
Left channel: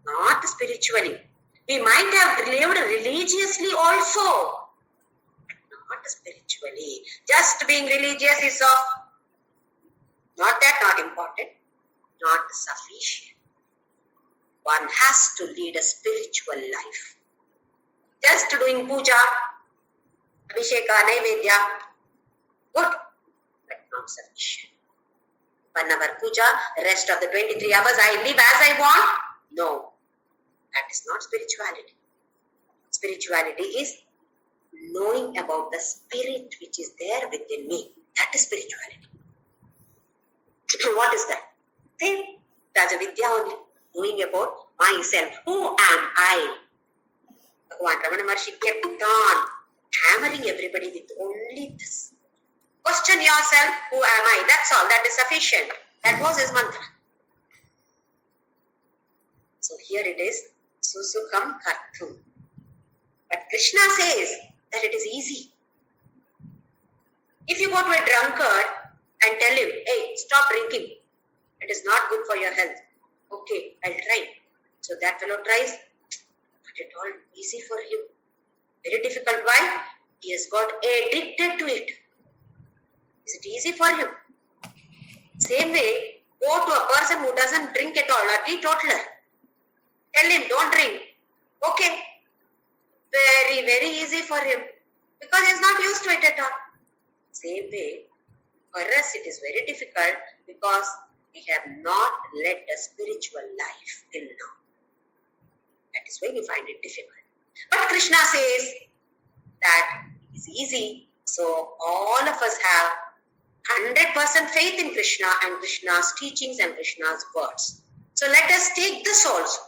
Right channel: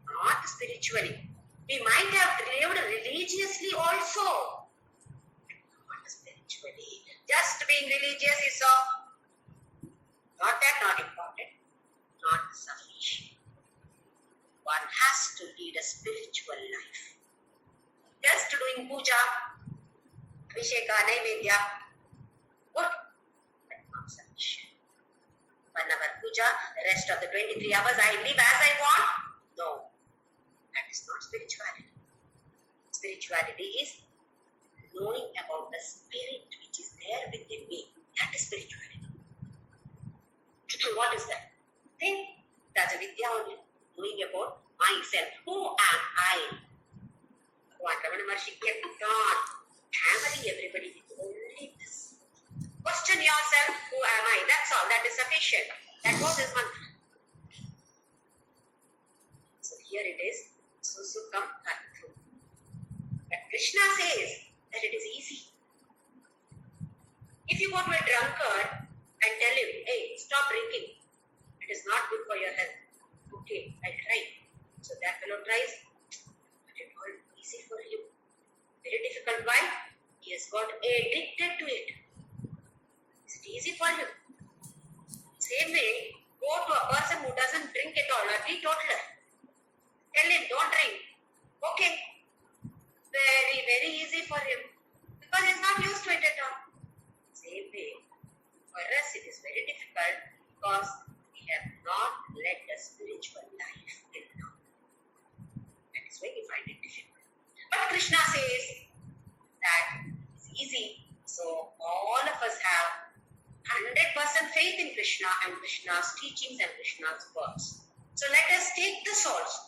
Not spiritually. We might have lived religiously also, but not spiritually. Just being religious is not important, not sufficient. One has to lead a spiritual life. Just doing puja, abhisheka, naivedya. Good, but not sufficient. 1 hour puja, the rest of the 23 hours I live as I want. No, that is not spirituality. Spirituality is knowing about the spirit which is there within me. That is spirituality. What is that? Then Rajavidya only, knowing about myself. Who am I? Bhagavan Ramana Maharshi kept on hammering everybody with only this. Question yourself, who am I? That's all. That is sufficient. That was his mantra. So here it is, Susukham Karthum. But Krishna says that it is easy. If you go to a drunkard and tell him, hey, stop drinking. It is not good for your health. Okay, I'll try. So that fellow tries, but it's all easy for him. Very difficult. Why? He has got addicted to it. Is it easy for him? Same way, go to a person who doesn't drink at all, a teetotaler. Tell him, don't drink. Okay. Very, very easy for him. Because he is not used to it at all. Same way, for us it is very difficult because we have not led a spiritual life till now. That is why we find it difficult. But Krishna says that it's easy. So all of us have 100% faith in Krishna and Krishna's teachings and Krishna's words. So let us take this also.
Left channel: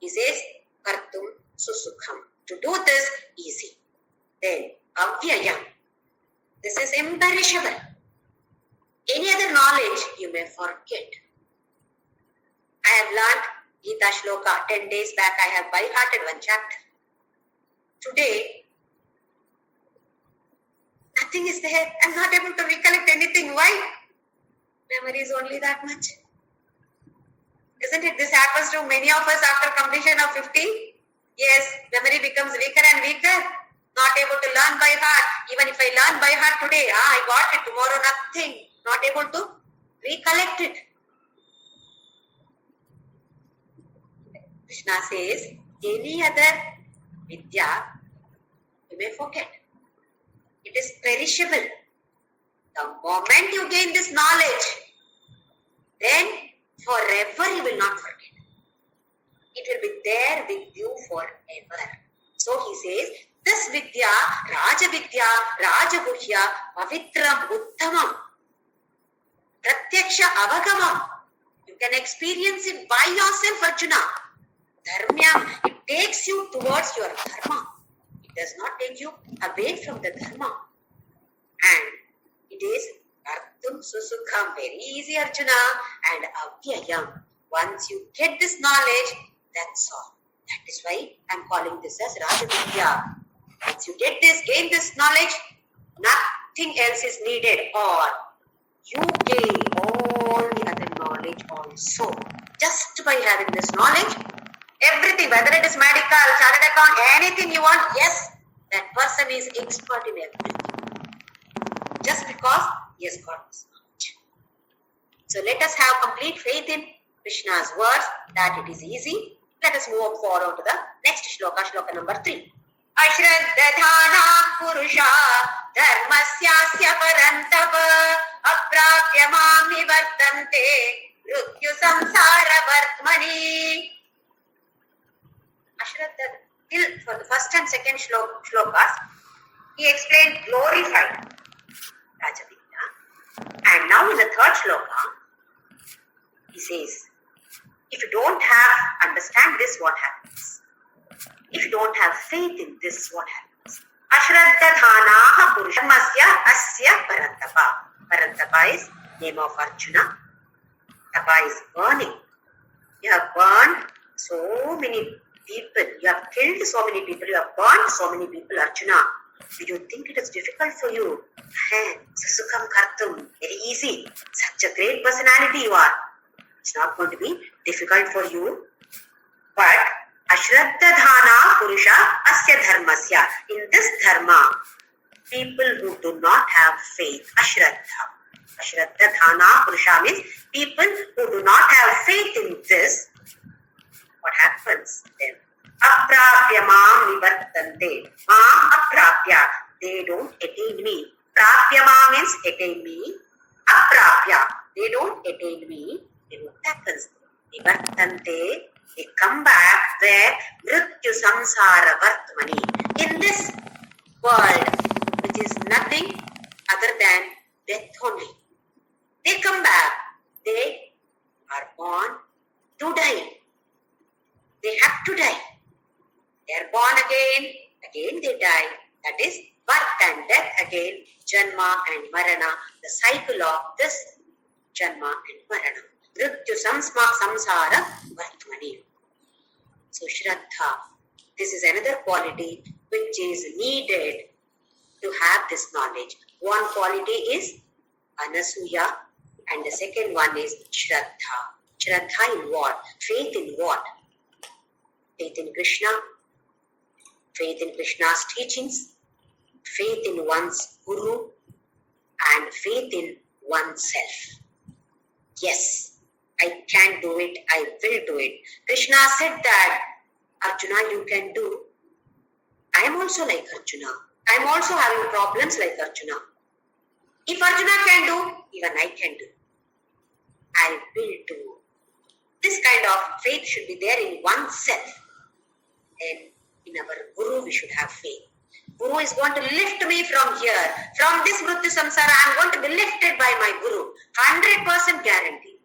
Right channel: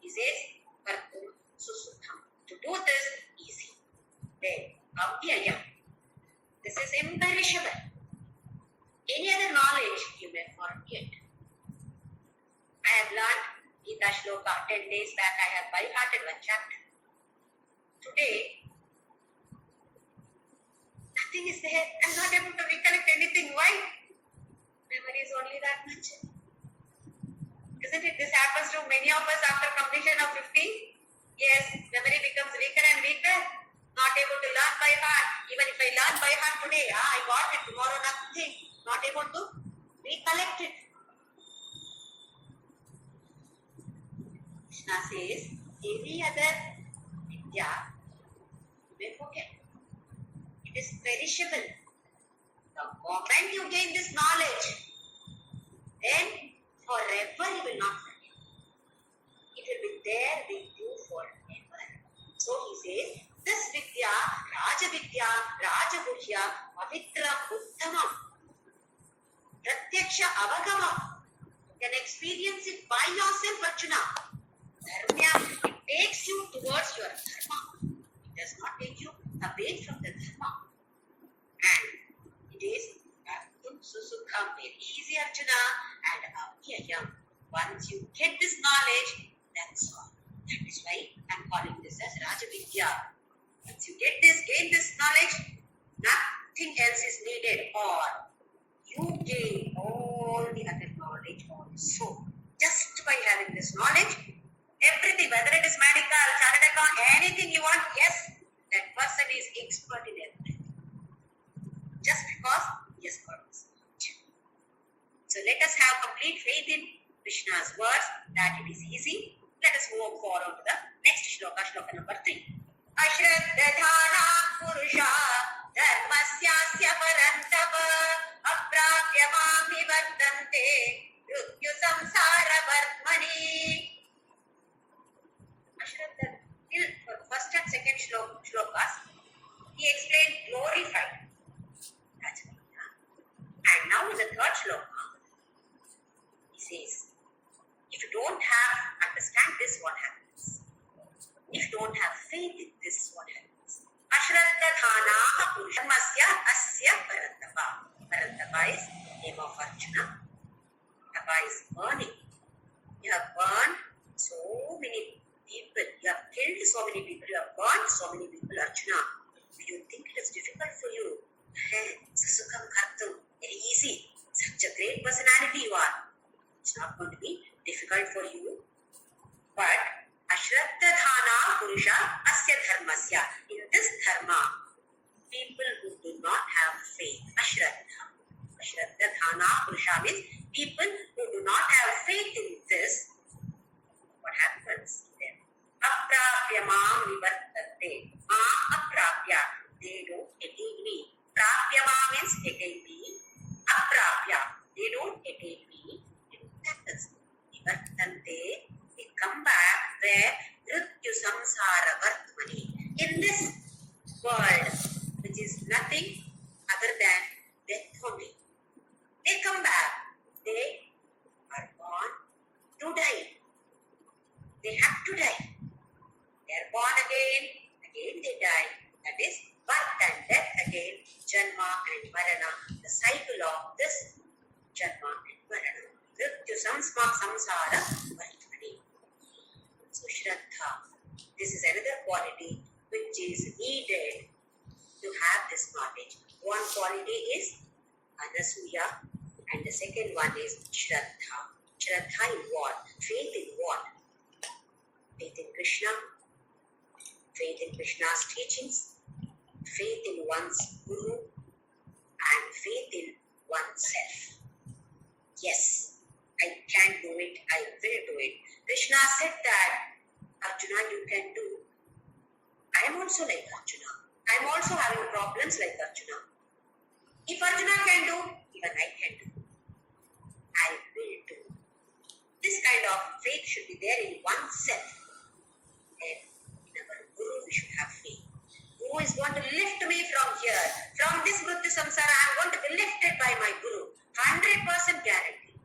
He says, Kartum Susukham. To do this, easy. Then, Avyayam. This is imperishable. Any other knowledge you may forget. I have learned Gita Shloka 10 days back. I have by-hearted one chapter. Today, nothing is there. I am not able to recollect anything. Why? Memory is only that much. Isn't it? This happens to many of us after completion of 50. Yes, memory becomes weaker and weaker. Not able to learn by heart. Even if I learn by heart today, I got it. Tomorrow, nothing. Not able to recollect it. Krishna says, any other vidya, you may forget. It is perishable. The moment you gain this knowledge, then forever you will not forget. It will be there with you forever. So he says, this vidya, Raja Vidya, Raja Guhya, Pavitram, Uttamam, Pratyaksha Avagamam. You can experience it by yourself, Arjuna. Dharmya, it takes you towards your dharma. It does not take you away from the dharma. And it is Artham Susukham, very easy, Arjuna, and Avyayam. Once you get this knowledge, that's all. That is why I am calling this as Raja Vidya. Once you get this, gain this knowledge, nothing else is needed, or you gain all the other knowledge also. Just by having this knowledge, everything, whether it is medical, chartered account, anything you want, yes, that person is expert in everything. Just because he has got this knowledge. So let us have complete faith in Krishna's words that it is easy. Let us move forward to the next shloka, shloka number 3. Ashraddhana purusha dharmasyasya parantava aprapya mami vartante mrityu samsara vartmani. Ashraddha, till for the first and second shlokas, he explained glorified Rajavidya. And now in the third shloka, he says, if you don't understand this, what happens? If you don't have faith in this, what happens? Ashraddhanaha purushamasya asya parantapa. Parantapa is name of Arjuna. Tapa is burning. You have burned so many people. You have killed so many people. You have burned so many people, Arjuna. Do you think it is difficult for you? Susukham kartum. Very easy. Such a great personality you are. It's not going to be difficult for you. But Ashraddhana Purusha Asya Dharmasya. In this dharma, people who do not have faith, Ashraddhana Purusha means people who do not have faith in this, what happens then? Aprapya prapya mam nivartante. Mam aprapya. They don't attain me. Prapya mam means attain me. Aprapya. They don't attain me. Then what happens? Nivartante. They come back where mrityu samsara vartmani. In this world, which is nothing other than death only. They come back. They are born to die. They have to die. They are born again they die. That is birth and death again, janma and marana, the cycle of this janma and marana. Mrityu samsara vartmani. So Shraddha, this is another quality which is needed to have this knowledge. One quality is Anasuya and the second one is Shraddha. Shraddha in what? Faith in what? Faith in Krishna, faith in Krishna's teachings, faith in one's Guru, and faith in oneself. Yes, I can do it, I will do it. Krishna said that, Arjuna, you can do. I am also like Arjuna. I am also having problems like Arjuna. If Arjuna can do, even I can do. I will do. This kind of faith should be there in oneself. And in our Guru, we should have faith. Guru is going to lift me from here. From this Mrityu Samsara, I am going to be lifted by my Guru. 100% guarantee.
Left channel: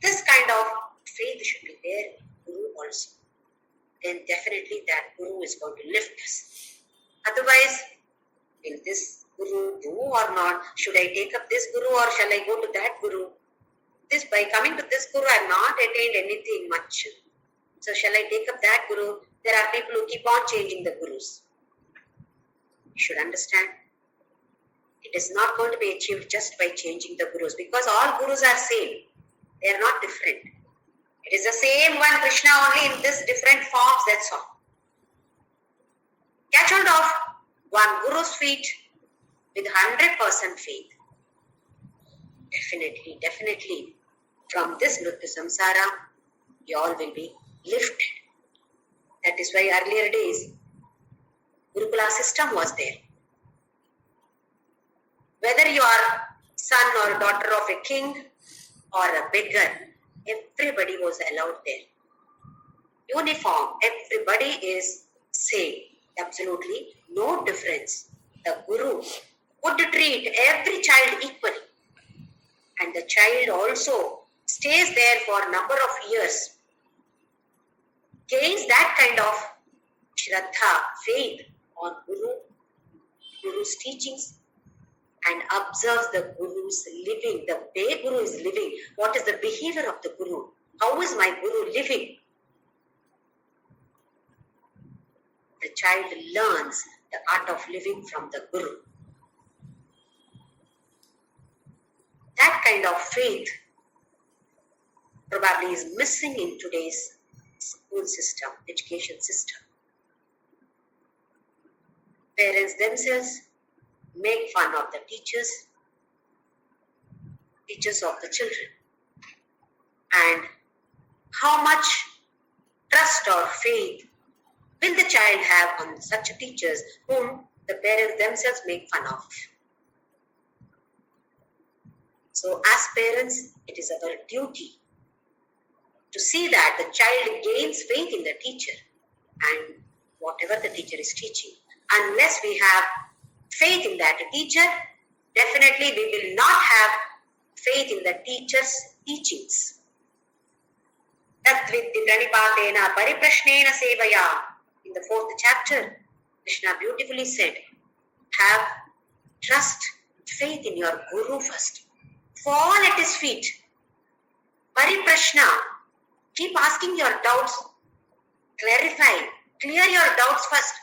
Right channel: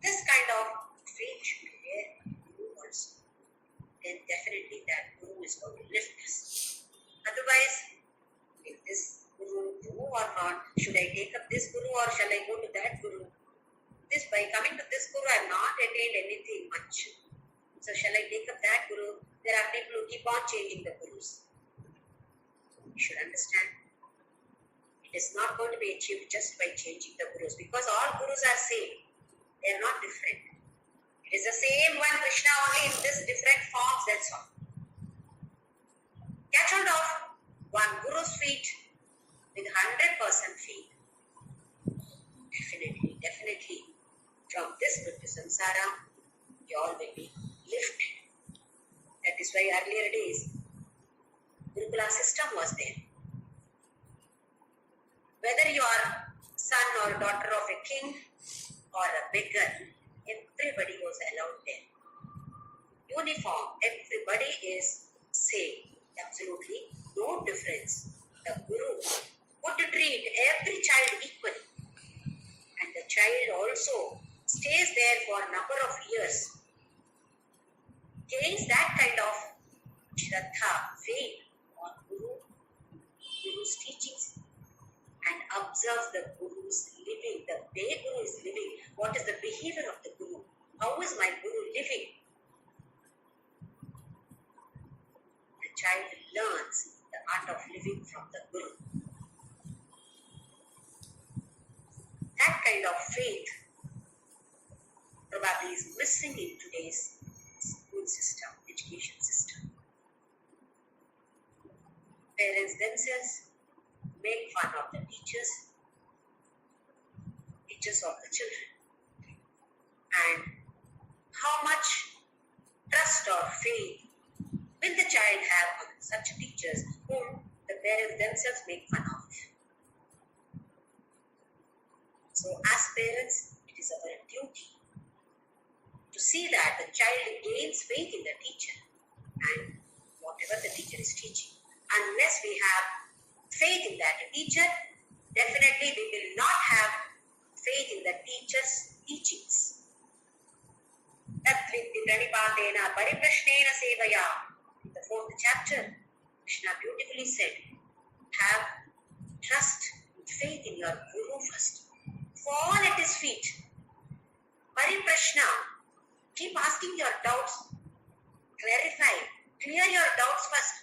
This kind of faith should be there in Guru also. Then definitely that Guru is going to lift us. Otherwise, will this Guru do or not? Should I take up this Guru or shall I go to that Guru? This, by coming to this Guru, I have not attained anything much. So shall I take up that Guru? There are people who keep on changing the Gurus. You should understand. It is not going to be achieved just by changing the Gurus, because all Gurus are same. They are not different. It is the same one Krishna, only in this different forms, that's all. Catch hold of one Guru's feet with 100% faith. Definitely, from this Mrityu Samsara, you all will be lifted. That is why earlier days, Gurukula system was there. Whether you are son or daughter of a king or a beggar, everybody was allowed there. Uniform, everybody is same. Absolutely no difference. The Guru would treat every child equally. And the child also stays there for a number of years. Gains that kind of Shraddha, faith on Guru's teachings, and observes the Guru's living, the way Guru is living. What is the behavior of the Guru? How is my Guru living? The child learns the art of living from the Guru. That kind of faith probably is missing in today's school system, education system. Parents themselves make fun of the teachers of the children. And how much trust or faith will the child have on such teachers whom the parents themselves make fun of? So as parents, it is our duty to see that the child gains faith in the teacher and whatever the teacher is teaching. Unless we have faith in that teacher, definitely we will not have faith in the teacher's teachings. Tatvidhi pranipatena pariprashnena sevaya. In the 4th chapter, Krishna beautifully said, have trust, faith in your Guru first. Fall at his feet. Pariprashna. Keep asking your doubts. Clarify. Clear your doubts first.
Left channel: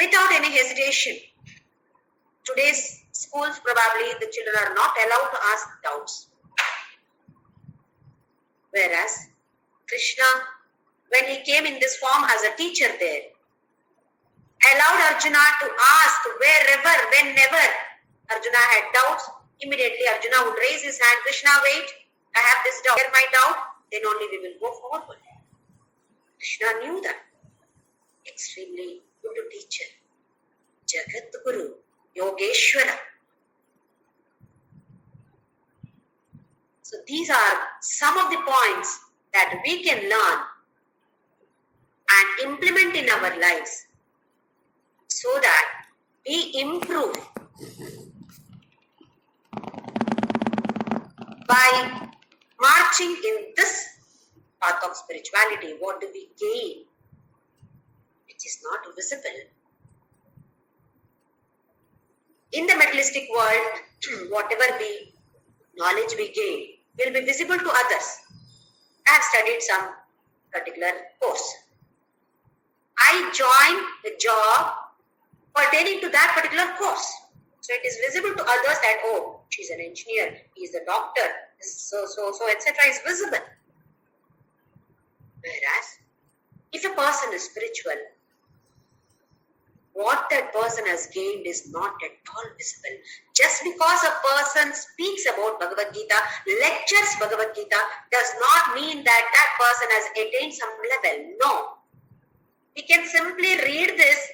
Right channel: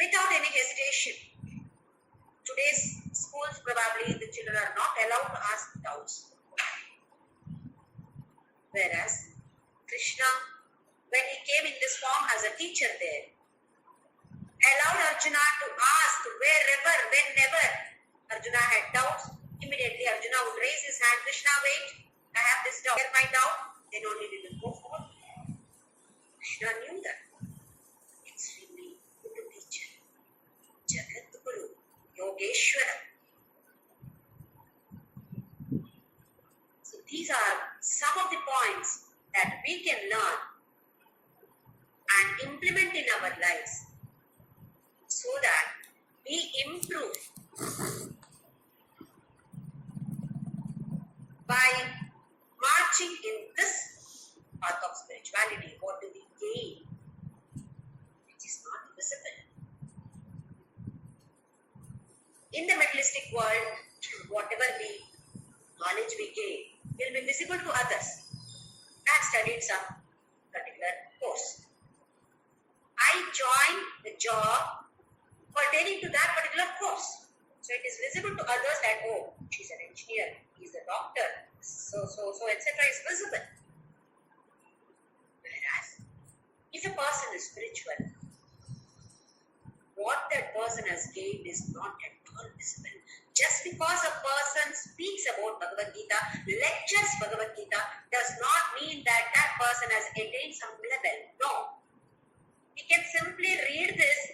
Without any hesitation. Today's schools, probably the children are not allowed to ask doubts. Whereas Krishna, when he came in this form as a teacher there, allowed Arjuna to ask wherever, whenever Arjuna had doubts. Immediately Arjuna would raise his hand, Krishna, wait, I have this doubt. Clear my doubt, then only we will go forward. Krishna knew that. Yogeshwara. So these are some of the points that we can learn and implement in our lives so that we improve. By marching in this path of spirituality, what do we gain? Which is not visible. In the materialistic world, whatever knowledge we gain will be visible to others. I have studied some particular course. I joined the job pertaining to that particular course. So it is visible to others that, oh, she's an engineer, he's a doctor, so, etc. is visible. Whereas, if a person is spiritual, what that person has gained is not at all visible. Just because a person speaks about Bhagavad-Gita, lectures Bhagavad-Gita, does not mean that that person has attained some level. No. We can simply read this,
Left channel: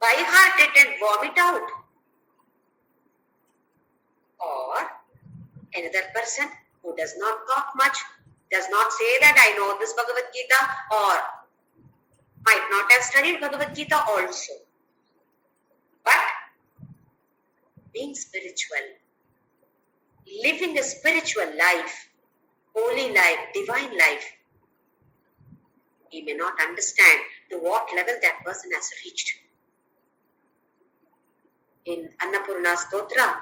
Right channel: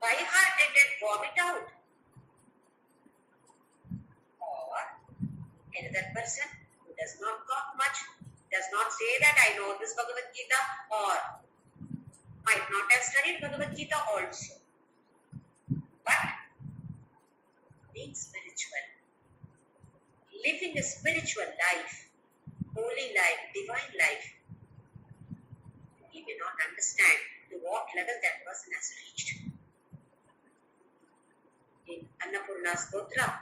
by heart it and vomit out. Or another person who does not talk much, does not say that I know this Bhagavad-Gita, or might not have studied Bhagavad-Gita also. But being spiritual, living a spiritual life, holy life, divine life, we may not understand to what level that person has reached. In Annapurna Stotra,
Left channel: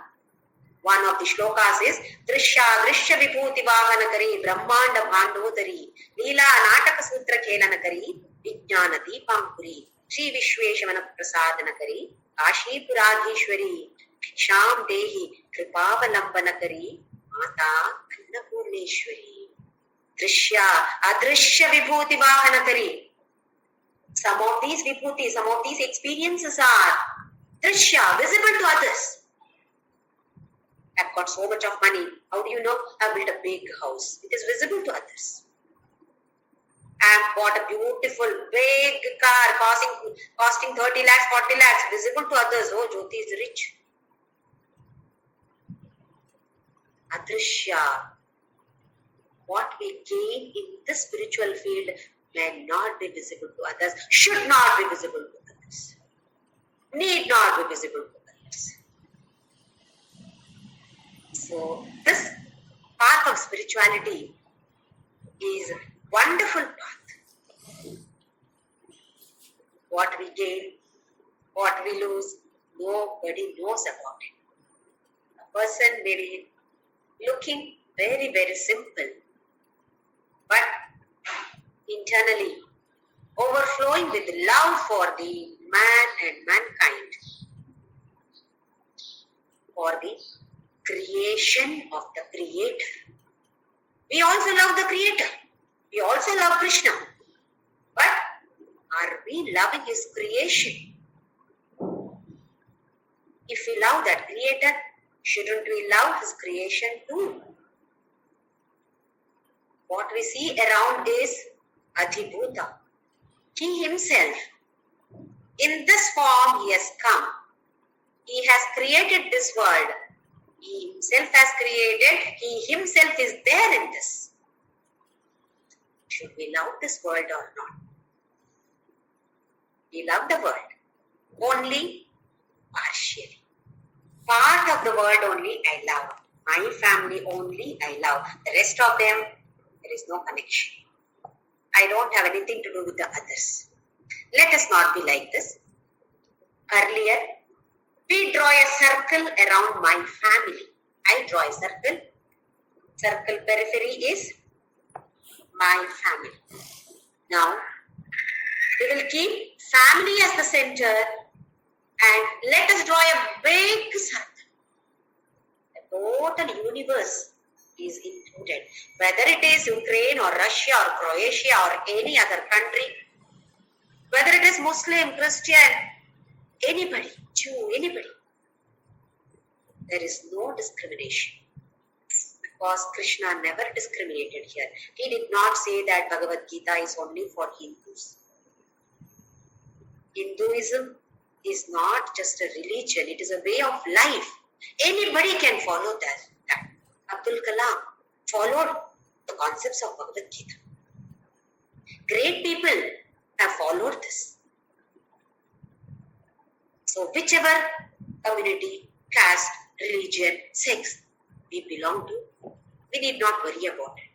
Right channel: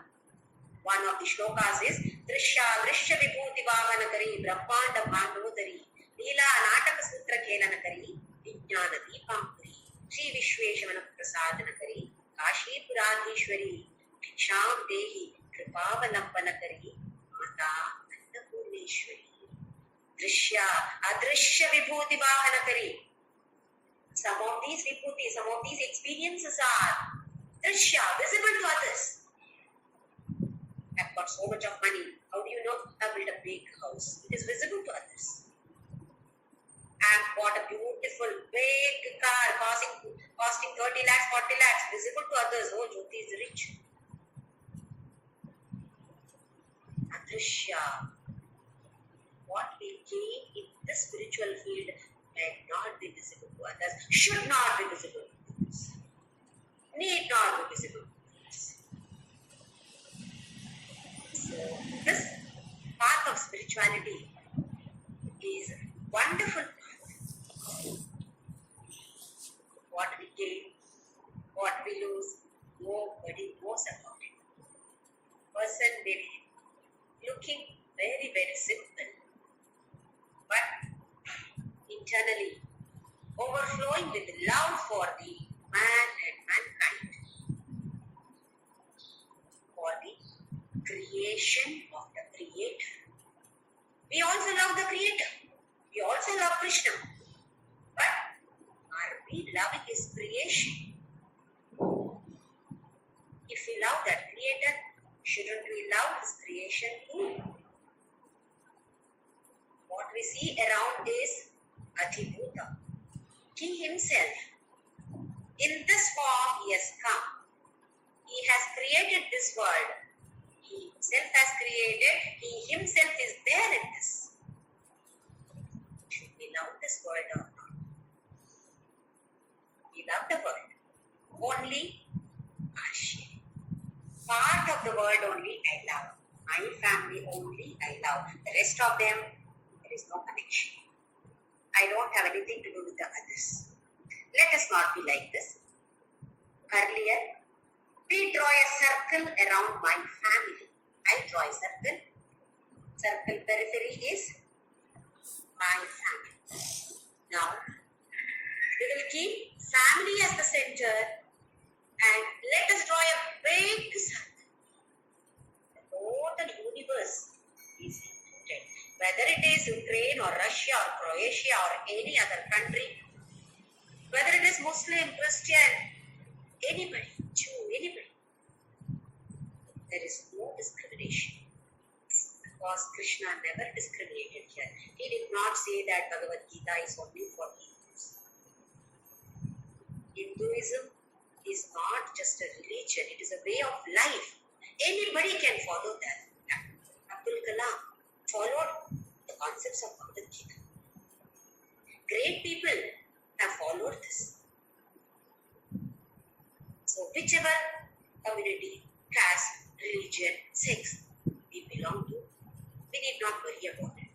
one of the shlokas is Drishya Drishya Vibhuti Vahanakari Brahmanda Bhandodari Leela Nataka Sutra Kelanakari Vijnana Deepankuri Sri Vishweshavana Prasadanakari Kashi Puradhishwari Ksham Dehi Kripavalambanakari Mata Annapurneshwari Drishya Adrishya Vibhuti Vahanakari. Some of these vibhuti, some of these experiences are Drishya, visible to others. I've got so much of money. How do you know? I've built a big house. It is visible to others. I've bought a beautiful big car costing 30 lakhs, 40 lakhs. Visible to others. Oh, Jyoti is rich. Adrishya. What we gain in the spiritual field may not be visible to others, should not be visible to others, need not be visible to others. So this path of spirituality is a wonderful path. What we gain, what we lose, nobody knows about it. A person may be looking very, very simple, but internally overflowing with love for the man and mankind, for the creation of the Creator. We also love the Creator. We also love Krishna. But are we loving His creation? If we love that Creator, shouldn't we love His creation too? What we see around is Adhibhuta. He Himself, in this form He has come. He has created this world. He Himself has created. He Himself is there in this. Should we love this world or not? We love the world only partially. Part of the world only I love. My family only I love. The rest of them, there is no connection. I don't have anything to do with the others. Let us not be like this. Earlier, we draw a circle around my family. I draw a circle. Circle periphery is my family. Now, we will keep family as the center and let us draw a big circle. The total universe is included. Whether it is Ukraine or Russia or Croatia or any other country, whether it is Muslim, Christian, anybody, Jew, anybody, there is no discrimination. Because Krishna never discriminated here. He did not say that Bhagavad Gita is only for Hindus. Hinduism is not just a religion, it is a way of life. Anybody can follow that. Abdul Kalam followed the concepts of Bhagavadgita. Great people have followed this. So whichever community, caste, religion, sex we belong to, we need not worry about it.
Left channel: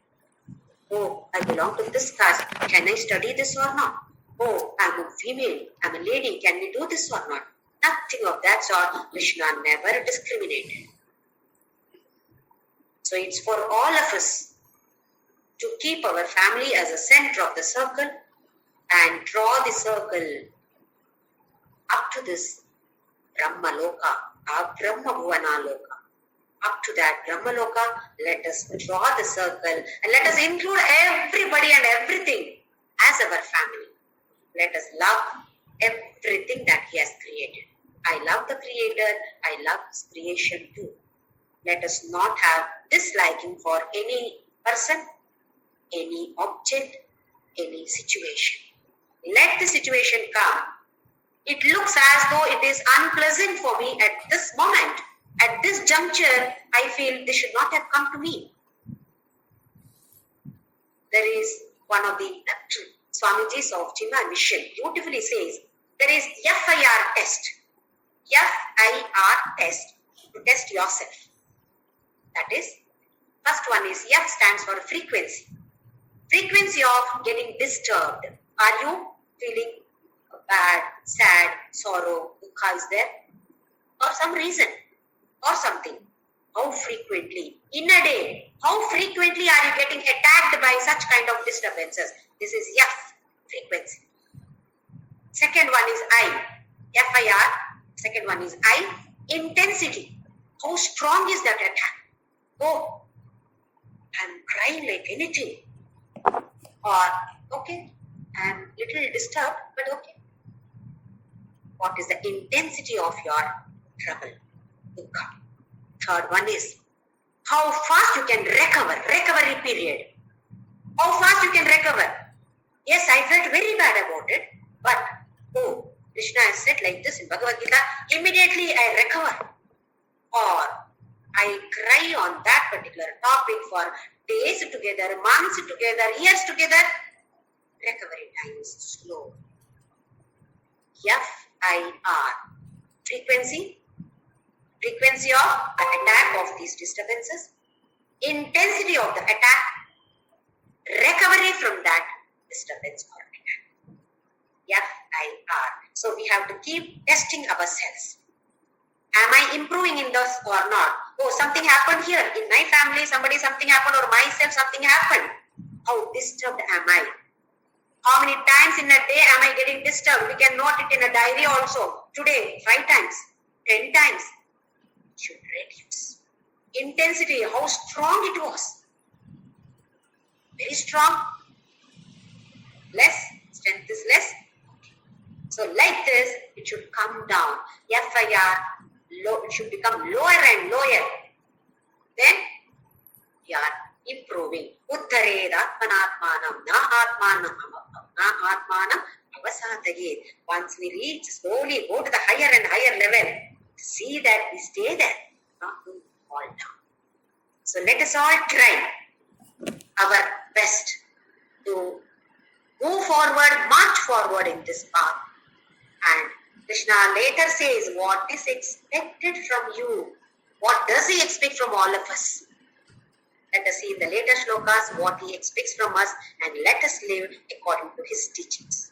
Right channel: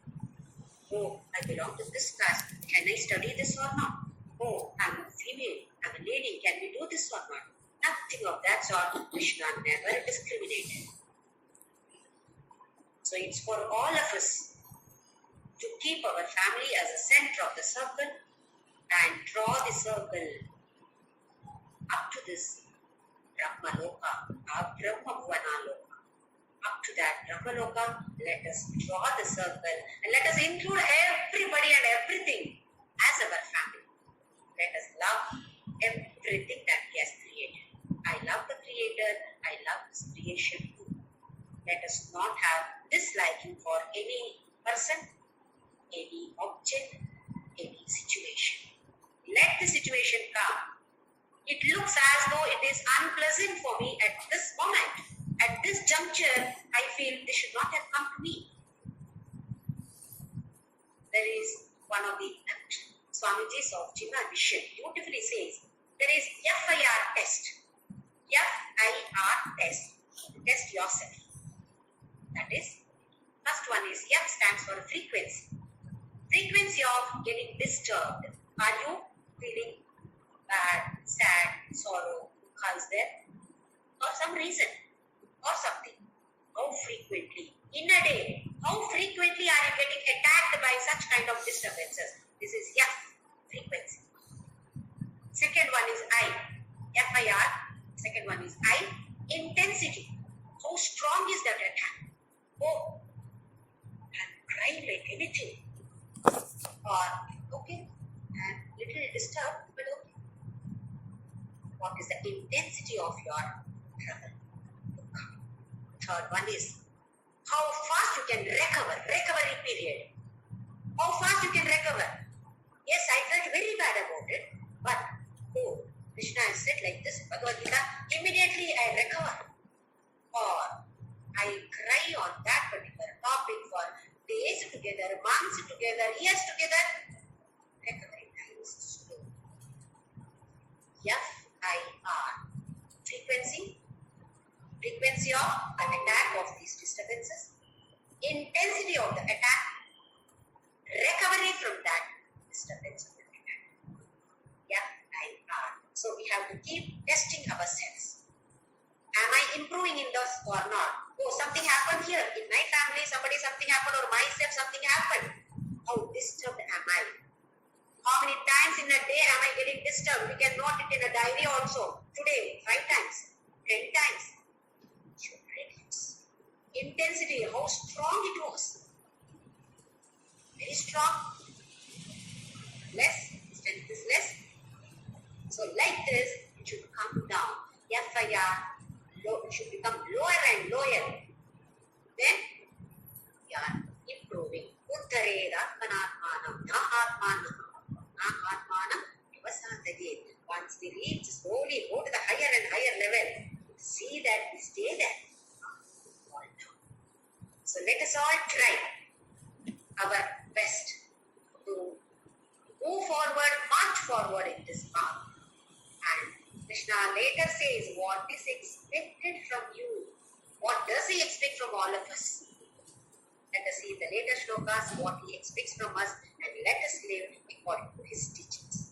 Oh, I belong to this caste. Can I study this or not? Oh, I'm a female, I'm a lady. Can we do this or not? Nothing of that sort. Krishna never discriminated. So it's for all of us to keep our family as a center of the circle and draw the circle up to this Brahma Loka, our Brahma Bhuvana Loka. Up to that Brahma Loka, let us draw the circle and let us include everybody and everything as our family. Let us love everything that He has created. I love the Creator, I love His creation too. Let us not have disliking for any person, any object, any situation. Let the situation come. It looks as though it is unpleasant for me at this moment. At this juncture, I feel this should not have come to me. There is one of the Swamiji's of Jima Mission beautifully says, there is FIR test. FIR test to test yourself. That is, first one is F stands for frequency. Frequency of getting disturbed. Are you feeling bad, sad, sorrow, dukha is there? For some reason or something. How frequently? In a day, how frequently are you getting attacked by such kind of disturbances? This is F, frequency. Second one is I, FIR. Second one is I, intensity. How strong is that attack? Oh, I'm crying like anything. Or, okay, I'm little disturbed, but okay. What is the intensity of your trouble? Dukkha. Third one is how fast you can recover, recovery period. How fast you can recover. Yes, I felt very bad about it, but oh, Krishna has said like this in Bhagavadgita, immediately I recover. Or I cry on that particular topic for days together, months together, years together. Recovery time is slow. FIR. Frequency of an attack of these disturbances, intensity of the attack, recovery from that disturbance or attack. FIR. So we have to keep testing ourselves. Am I improving in this or not? Oh, something happened here. In my family, something happened, or myself, something happened. How disturbed am I? How many times in a day am I getting disturbed? We can note it in a diary also. Today, 5 times, 10 times. It should reduce. Intensity, how strong it was. Very strong. Less, strength is less. So like this, it should come down. FIR, it should become lower and lower. Then, we are improving. Uttared atmanatmanam na atmanam avasatayet. Once we reach, slowly go to the higher and higher level, see that we stay there, not to fall down. So let us all try our best to move forward, march forward in this path. And Krishna later says, what is expected from you? What does He expect from all of us? Let us see in the later shlokas what He expects from us, and let us live according to His teachings.